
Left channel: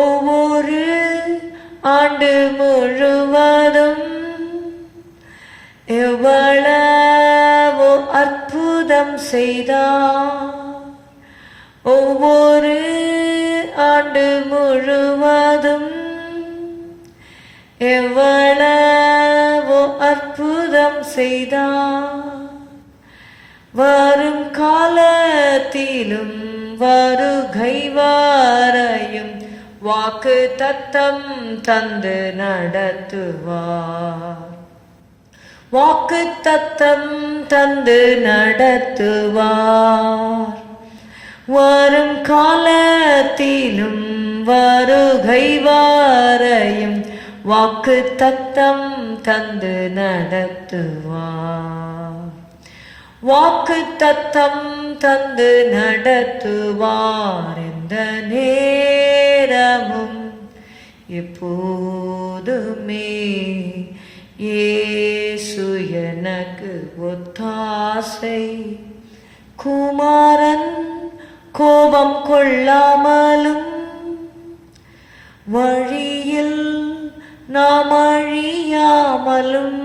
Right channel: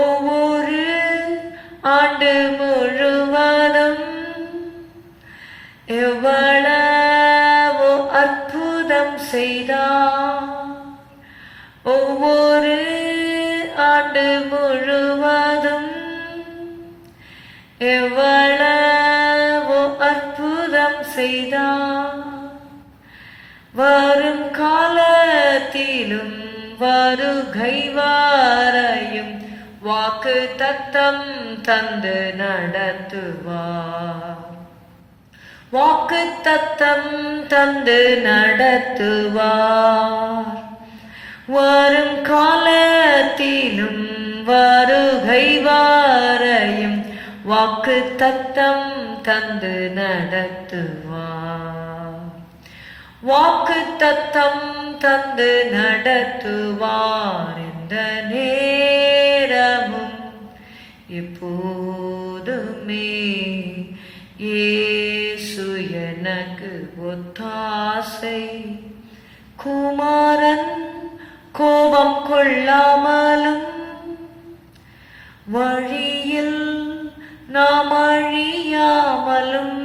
ஒவ்வொரு ஆண்டு முழுவதும் எவ்வளவோ அற்புதம் செய்தார். ஒவ்வொரு ஆண்டு முழுவதும் எவ்வளவோ அற்புதம் செய்தார். வரும் காலத்திலும் வருகை வரையும் வாக்கு தத்தம் தந்து நடத்துவார். வாக்கு தத்தம் தந்து நடத்துவார். வரும் காலத்திலும் வருகை வரையும் வாக்கு தத்தம் தந்து நடத்துவார். வாக்கு தத்தம் தந்து நடத்துவார். இந்த நேரமும் எப்போதுமே இயேசு எனக்கு ஒத்தாசை. குமாரன் கோபம் கொள்ளாமலும் வழியில் நாம் அழியாமலும்,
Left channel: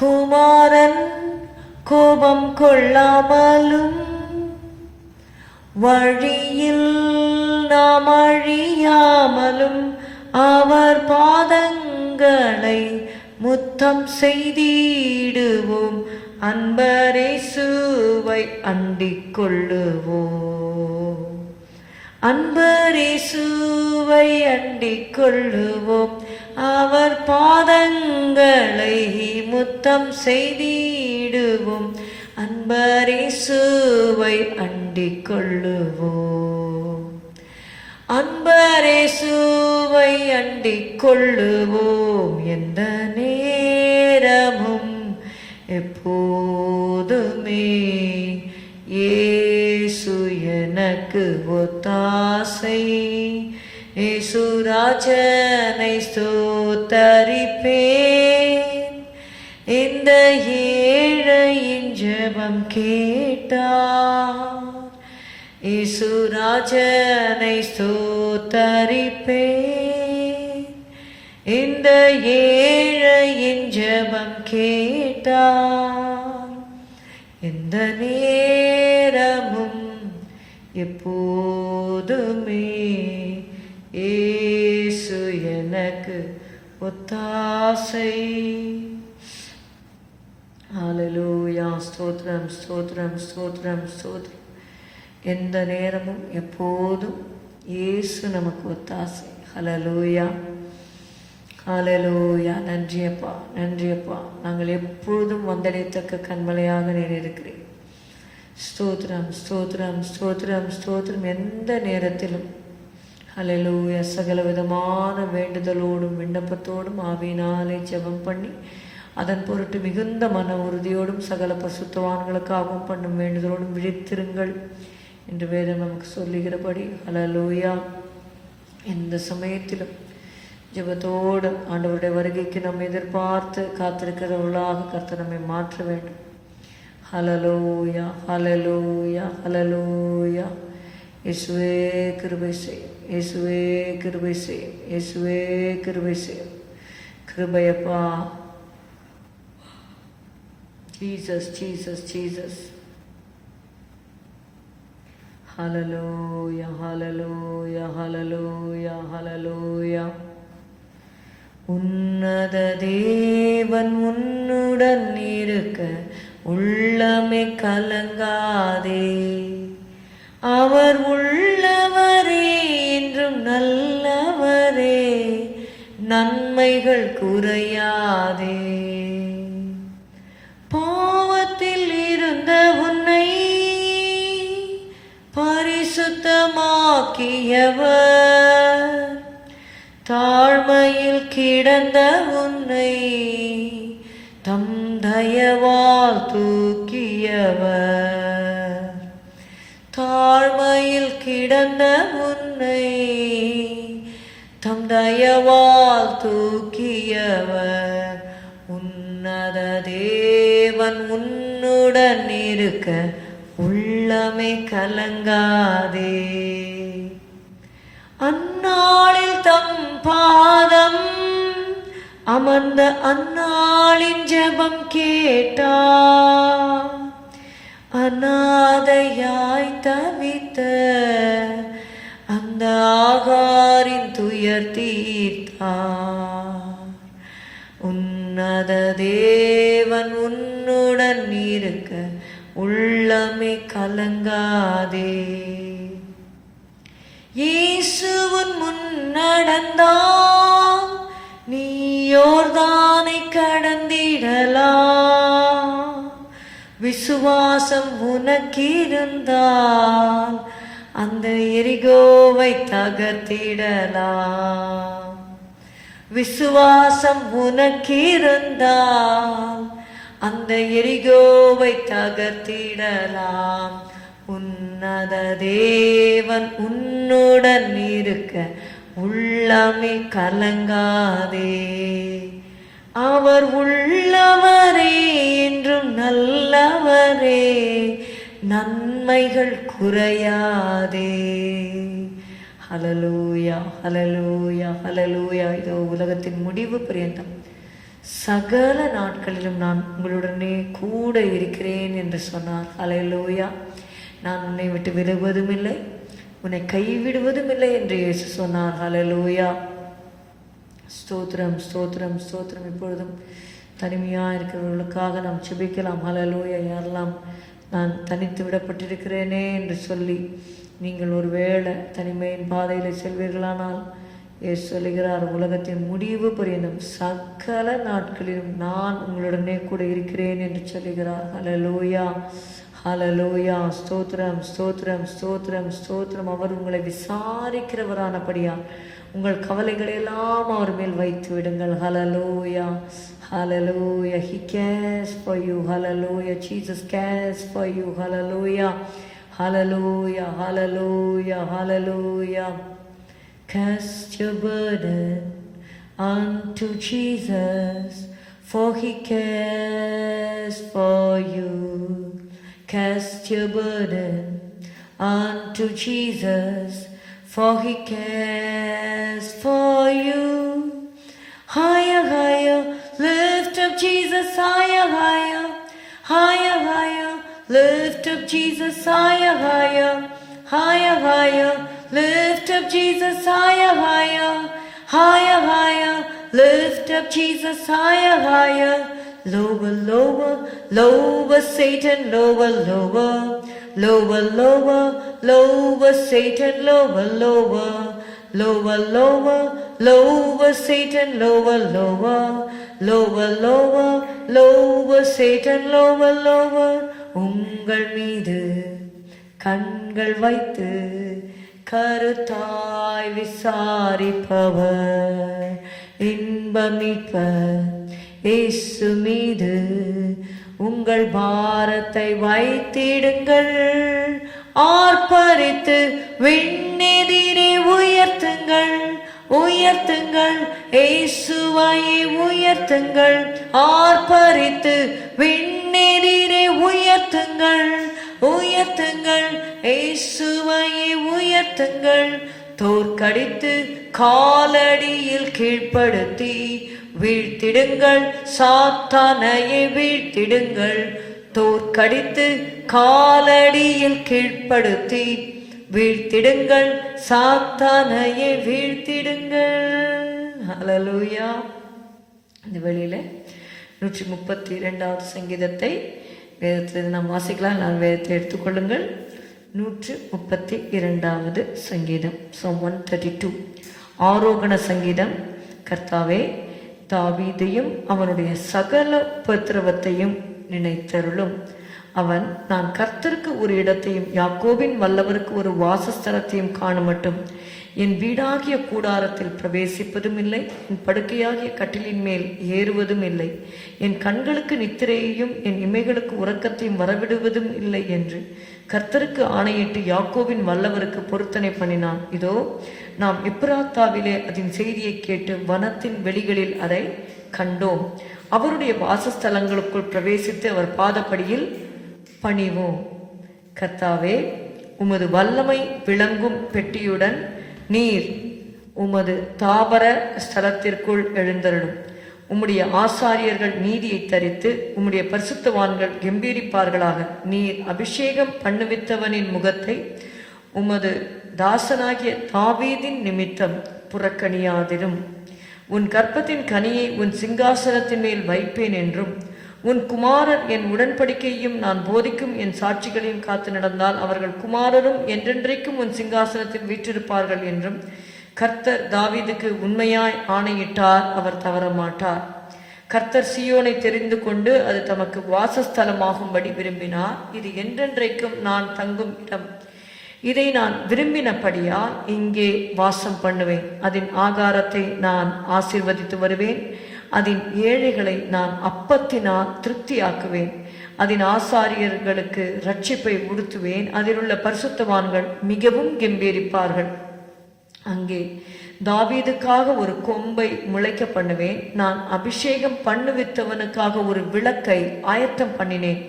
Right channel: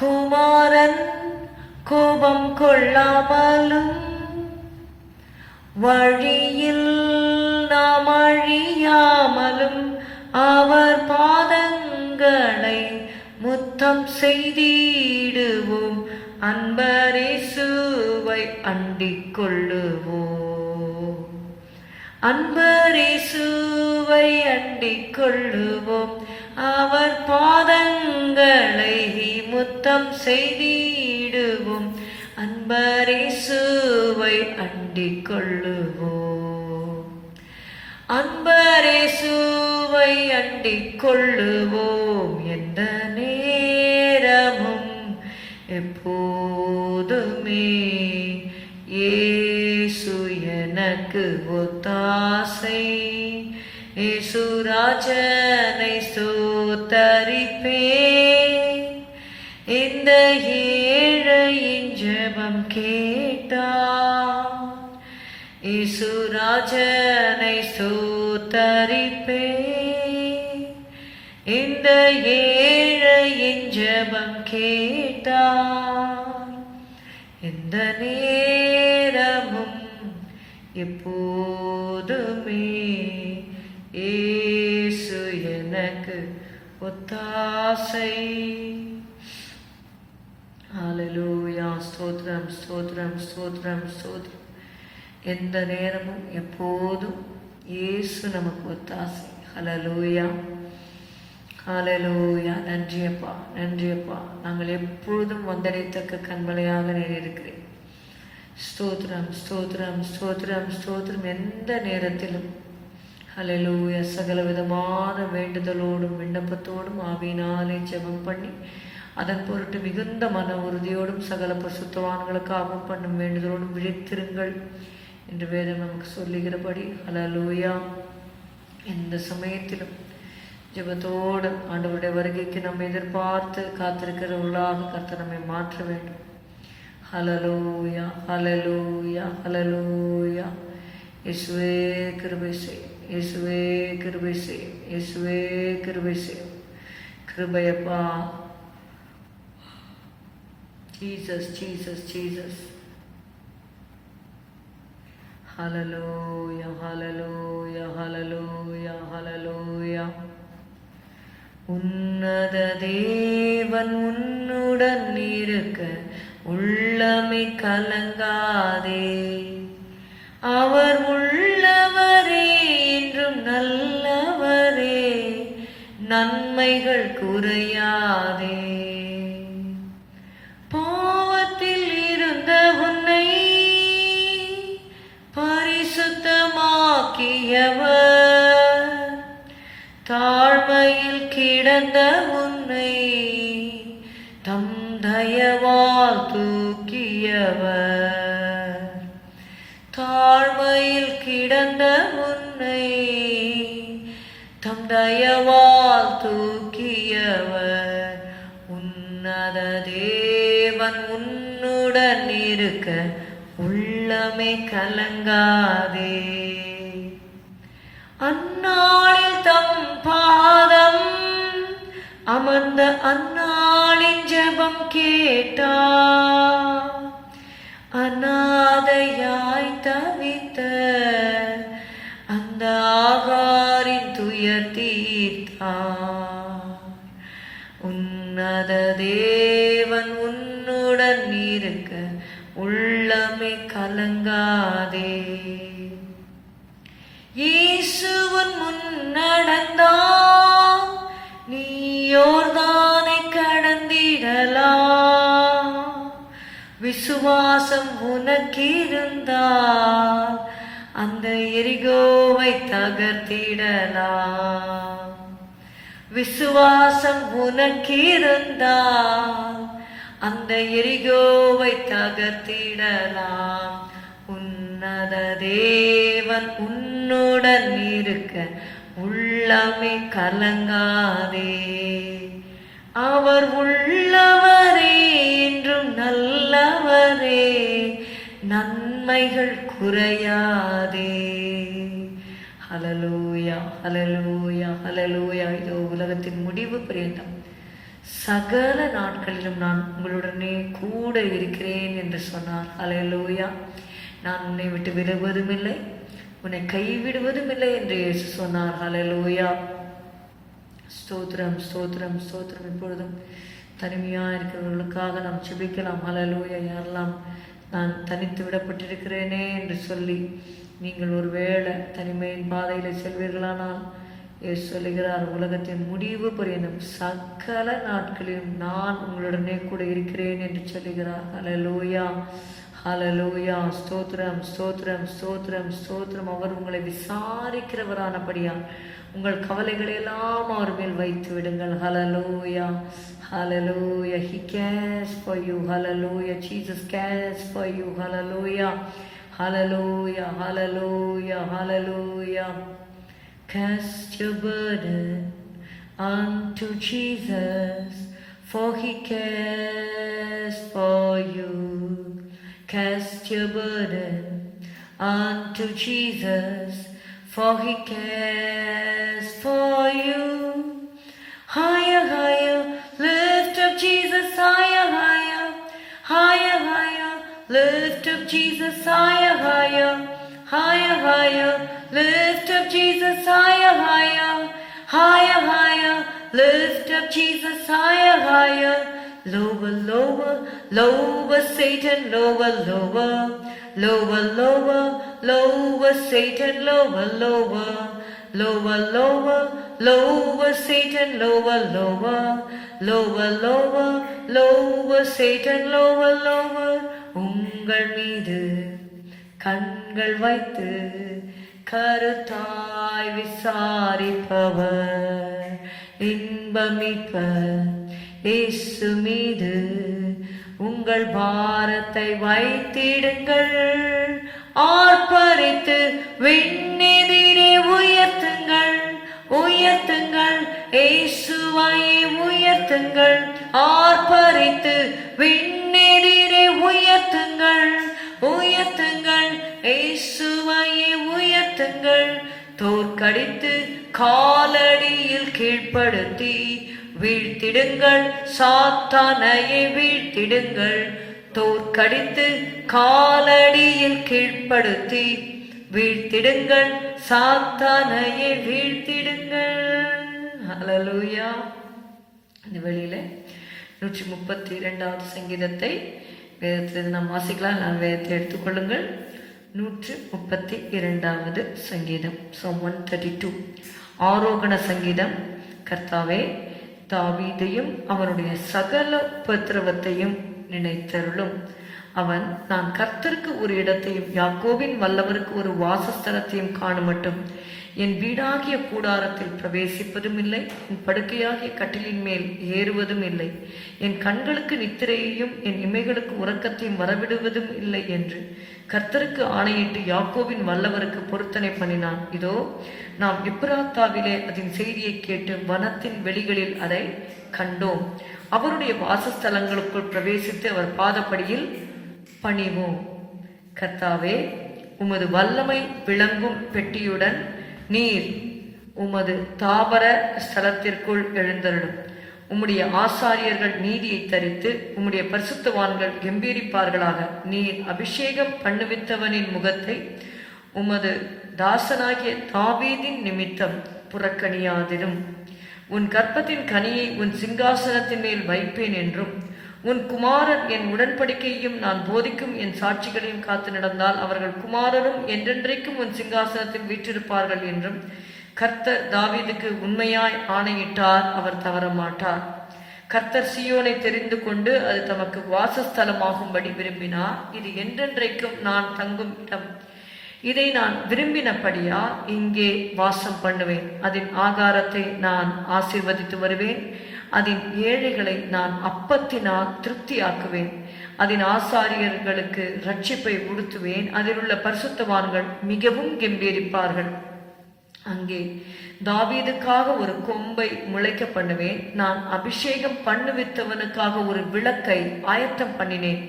குமாரன் கோபம் கொள்ளாமலும் வழியில் நாம் அழியாமலும் அவர் பாதங்களை முத்தம் செய்திடுவோம். அன்பரேசுவை அண்டிக் கொள்ளுவோம். அன்பரேசுவை அண்டிக் கொள்ளுவோம். அவர் பாதங்களை முத்தம் செய்திடுவோம். அன்பரேசுவை அண்டிக் கொள்ளுவோம். அன்பரேசுவை அண்டிக் கொள்ளுவோம். எந்த நேரமும் எப்போதுமே இயேசு எனக்கு ஒத்தாசை. இயேசு ராஜனை ஸ்தோத்தரிப்பேன். இந்த ஏழையின் ஜெபம் கேட்டார். இயேசு ராஜனை ஸ்தோத்தரிப்பேன். இந்த ஏழையின் ஜெபம் கேட்டார். எந்த நேரமும் எப்போதுமே இயேசு எனக்கு ஒத்தாசை. ஹல்லேலூயா. ஸ்தோத்திரம் ஸ்தோத்திரம் ஸ்தோத்திரம் ஸ்தோத்திரம். எந்த நேரமும் எப்போதும் இயேசு நமக்கு ஒத்தாசை. ஹல்லேலூயா ஹல்லேலூயா. நன்றியப்பா நன்றியப்பா. நாங்கள் எப்பொழுதும் வந்தடைத்தக்க கண்மலையாக நீர் இருக்கிறேன். ஸ்தோத்திரம் ஸ்தோத்திரம் ஸ்தோத்திரம் ஸ்தோத்திரம். எந்த நேரத்திலும் ஹல்லேலூயா சகல விதமான வேண்டுதலோடும் விண்ணப்பத்தோடும் ஆவியினாலே ஜெபம் பண்ணி அதன் பொருட்டு மிகுந்த மன உறுதியோடும் சகல பசுத்தவான்களுக்காகவும் பண்ணும் வேண்டுதலோடும் விழித்திருங்கள் என்று வேதம் நமக்கு சொல்லுகிறபடி ஹல்லேலூயா எந்த சமயத்திலும் ஜெபத்தோடு ஆண்டவருடைய வருகைக்கு நம்ம எதிர்பார்த்து காத்திருக்கிறவர்களாக கர்த்தர் நம்மை மாற்ற வேண்டும். ஹல்லேலூயா ஹல்லேலூயா ஹல்லேலூயா. இயேசுவே கிருபை செய்யும். இயேசுவே கிருபை செய்யும். இயேசுவே கிருபை செய்யும். கிருபையப்பா. Jesus Jesus Jesus. Hallelujah hallelujah hallelujah hallelujah. உன்னத தேவன் உன்னுடன் இருக்க உள்ளமே கலங்காதே. அவர் உள்ளவரே என்றும் நல்லவரே, நன்மைகள் குறையாதே. பாவத்தில் இருந்த உன்னை பரிசுத்தமாக்கியவர், தாழ்மையில் கிடந்த உன்னை தம் தயவால் தூக்கியவர், தாழ்மையில் கிடந்த உன்னை தம் தயவால் தூக்கியவர். உன்னத தேவன் உன்னுடன் இருக்க உள்ளமே கலங்காதே. அந்நாளில் தம் பாதம் அமர்ந்த அந்நாளின் ஜெபம் கேட்டார். அநாதையாய் தவித்த அந்த ஆகாரின் துயர் தீர்த்தார். உன்னத தேவன் உன்னுடன் இருக்க உள்ளமே கலங்காதே. இயேசுவின் முன்னடந்தால் நீ யோர்தானை கடந்திடலாம். விசுவாசம் உனக்கிருந்தால் அந்த எரிகோவை தகர்த்திடலாம். விசுவாசம் உனக்கிருந்தால் அந்த எரிகோவை தகர்த்திடலாம். உன்னத தேவன் உன்னுடன் இருக்க உள்ளமே கலங்காதே. அவர் உள்ளவரே என்றும் நல்லவரே, நன்மைகள் குறையாதே. ஹல்லேலூயா, ஹல்லேலூயா, ஹல்லேலூயா. இதோ உலகத்தின் முடிவு பரியந்தம் சகல நாட்களிலும் நான் உங்களுடனே கூட இருக்கிறேன் என்று சொன்னார். ஹல்லேலூயா. நான் உன்னை விட்டு விலகுவதும் இல்லை, உன்னை கைவிடுவதும் இல்லை என்று இயேசு சொன்னார். ஹல்லேலூயா. ஸ்தோத்திரம், ஸ்தோத்திரம், ஸ்தோத்திரம். இப்பொழுதும் தனிமையாக இருக்கிறவர்களுக்காக நாம் செபிக்கலாம். ஹல்லேலூயா. யாரெல்லாம் நான் தனித்து விடப்பட்டிருக்கிறேனே என்று சொல்லி நீங்கள் ஒரு வேளை தனிமையின் பாதையில் செல்வீர்களானால் இயேசு சொல்லுகிறார், உலகத்தின் முடிவு பரியந்தம் சகல நாட்களிலும் நான் உங்களுடனே கூட இருக்கிறேன் என்று சொல்லுகிறார். ஹல்லேலூயா, ஹல்லேலூயா. ஸ்தோத்திரம், ஸ்தோத்திரம், ஸ்தோத்திரம், ஸ்தோத்திரம். அவர் உங்களை விசாரிக்கிறவரானபடியா உங்கள் கவலைகளை எல்லாம் அவர் மேல் வைத்து விடுங்கள். ஹல்லேலூயா, hallelujah. He cares for you. Hallelujah. Jesus cares for you. Hallelujah, hallelujah, hallelujah, hallelujah. Cast your burden unto Jesus, for he cares for you. Cast your burden unto Jesus, for he cares for you. Higher, higher, lift up Jesus, higher, higher, higher, higher, lift up Jesus, higher, higher, higher, higher, lift up Jesus, higher, higher, higher, higher, lift up Jesus, higher, higher. Lower, lower, lower Satan, lower, lower, lower, lower, lower Satan, lower, lower, lower, lower, lower Satan, lower, lower, lower, lower, lower Satan, lower, lower. உங்கள் மீது கண்கள் வைத்து கருத்தாய் விசாரிப்பவர் இன்பமிப்பர் இயேசு மீது உங்கள் பாரத்தை வைத்திடுங்கள். ஆர்ப்பரித்து விண்ணெதிரே உயர்த்துங்கள், உயர்த்துங்கள், இயேசுவை உயர்த்துங்கள். ஆர்ப்பரித்து விண்ணெதிரே உயர்த்துங்கள், உயர்த்துங்கள், இயேசுவை உயர்த்துங்கள். தோற்கடித்து காலடியில் கீழ்ப்படுத்தி வீழ்த்திடுங்கள், சாத்தானையை வீழ்த்திடுங்கள். தோற்கடித்து காலடியில் கீழ்ப்படுத்தி வீழ்த்திடுங்கள், சாத்தானையை வீழ்த்திடுங்கள். ஹல்லேலூயா. இந்த வழியில 132வது சங்கீதத்தை வேதத்தில் நாம் வாசிக்கலாம். நான் வேதத்தை எடுத்துக்கொள்ளுங்கள். 132வது சங்கீதம், Psalm 132, ஆரோகண சங்கீதம். கர்த்தாவே, தாவீதையும் அவனுடைய சகல உபத்திரவத்தையும் நினைத்தருளும். அவன், நான் கர்த்தருக்கு ஒரு இடத்தையும் யாக்கோபின் வல்லவருக்கு ஒரு வாசஸ்தலத்தையும் காணுமட்டும் என் வீடாகிய கூடாரத்தில் பிரவேசிப்பதும் இல்லை, என் படுக்கையாகிய கட்டிலின் மேல் ஏறுவதும் இல்லை, என் கண்களுக்கு நித்திரையையும் என் இமைகளுக்கு உறக்கத்தையும் வரவிடுவதும் இல்லை என்று கர்த்தருக்கு ஆணையிட்டு யாக்கோபின் வல்லவருக்கு பொருத்தனை பண்ணினான். இதோ, நாம் எப்ராத்தாவிலே அதன் செய்தியை கேட்டு வனத்தின் வெளிகளில் அதை கண்டோம். அவருடைய வாசஸ்தலங்களுக்குள் பிரவேசித்து அவர் பாதப்படியில் பணிவோம். கர்த்தாவே, உமது வல்லமை விளங்கும் பெட்டியுடன் நீர் உமது தாபர ஸ்தலத்திற்குள் எழுந்தருளும். உம்முடைய ஆசாரியர்கள் நீதியை தரித்து உம்முடைய பரிசுத்தவான்கள் கம்பீரிப்பார்களாக. நீர் அபிஷேகம் பண்ணுவித்தவனின் முகத்தை உமது தாசனாகிய தாவீதின் நிமித்தம் புறக்கணியாதிரும். உன் கற்பத்தின் கனியை உன் சிங்காசனத்தின் மேல் வைப்பேன் என்றும், உன் குமாரர் என் உடன்படிக்கையும் நான் போதிக்கும் என் சாட்சிகளையும் காத்து நடந்தால் அவர்கள் குமாரரும் என்றென்றைக்கும் உன் சிங்காசனத்தில் வீற்றிருப்பார்கள் என்றும் கர்த்தர் தாவீதுக்கு உண்மையாய் ஆணையிட்டார். அவர் தவற மாட்டார். கர்த்தர் சீயோனை தெரிந்து கொண்டு அது தமக்கு வாசஸ்தலமாகும்படி விரும்பினார். இது என்றென்றைக்கும் நான் தங்கும் இடம். இதை நான் விரும்பினபடியால் இங்கே வாசம் பண்ணுவேன். அதன் ஆகாரத்தை நான் ஆசீர்வதித்து வருவேன். அதன் ஏழைகளை நான் அப்பத்தினால் திருப்தியாக்குவேன். அதன் ஆசாரியர்களுக்கு இரட்சிப்பை உடுத்துவேன். அதில் உள்ள பரிசுத்தவான்கள் மிகவும் கம்பீரிப்பார்கள். அங்கே தாவீதுக்காக ஒரு கொம்பை முளைக்க பண்ணுவேன். நான் அபிஷேகம் பண்ணுவித்தவனுக்காக ஒரு விளக்கை ஆயத்தம் பண்ணினேன்.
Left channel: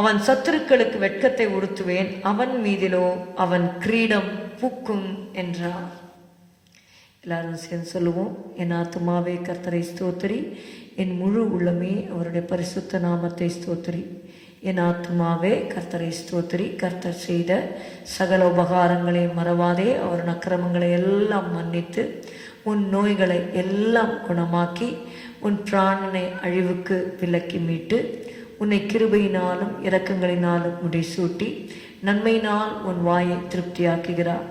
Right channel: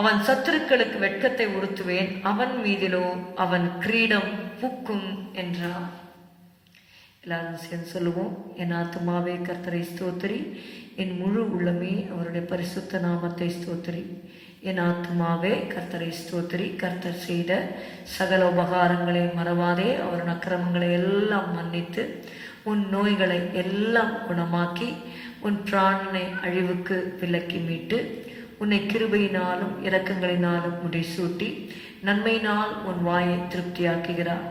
அவன் சத்துருக்களுக்கு வெட்கத்தை உடுத்துவேன். அவன் மீதிலோ அவன் கிரீடம் பூக்கும் என்றார். எல்லாரும் சேர்ந்து சொல்லுவோம். என் ஆத்துமாவே கர்த்தரை ஸ்தோத்திரி, என் முழு உள்ளமே அவருடைய பரிசுத்த நாமத்தை ஸ்தோத்திரி. என் ஆத்துமாவே கர்த்தரை ஸ்தோத்திரி. கர்த்தர் செய்த சகல உபகாரங்களை மறவாதே. அவர் அக்கிரமங்களை எல்லாம் மன்னித்து உன் நோய்களை எல்லாம் குணமாக்கி உன் பிராணனை அழிவுக்கு விலக்கி மீட்டு உன்னை கிருபையினாலும் இரக்கங்களினாலும் முடிசூட்டி நன்மையினால் உன் வாயை திருப்தியாக்குகிறார்.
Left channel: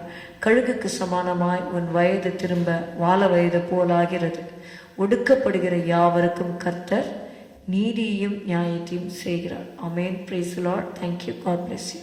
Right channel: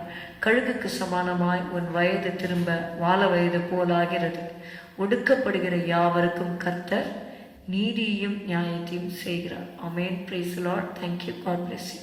கழுகுக்கு சமானமாய் உன் வயது திரும்ப வாழ வயது போலாகிறது. ஒடுக்கப்படுகிற யாவருக்கும் கர்த்தர் நீதியையும் நியாயத்தையும் செய்கிறார். Amen. Praise the lord. Thank you. God bless you.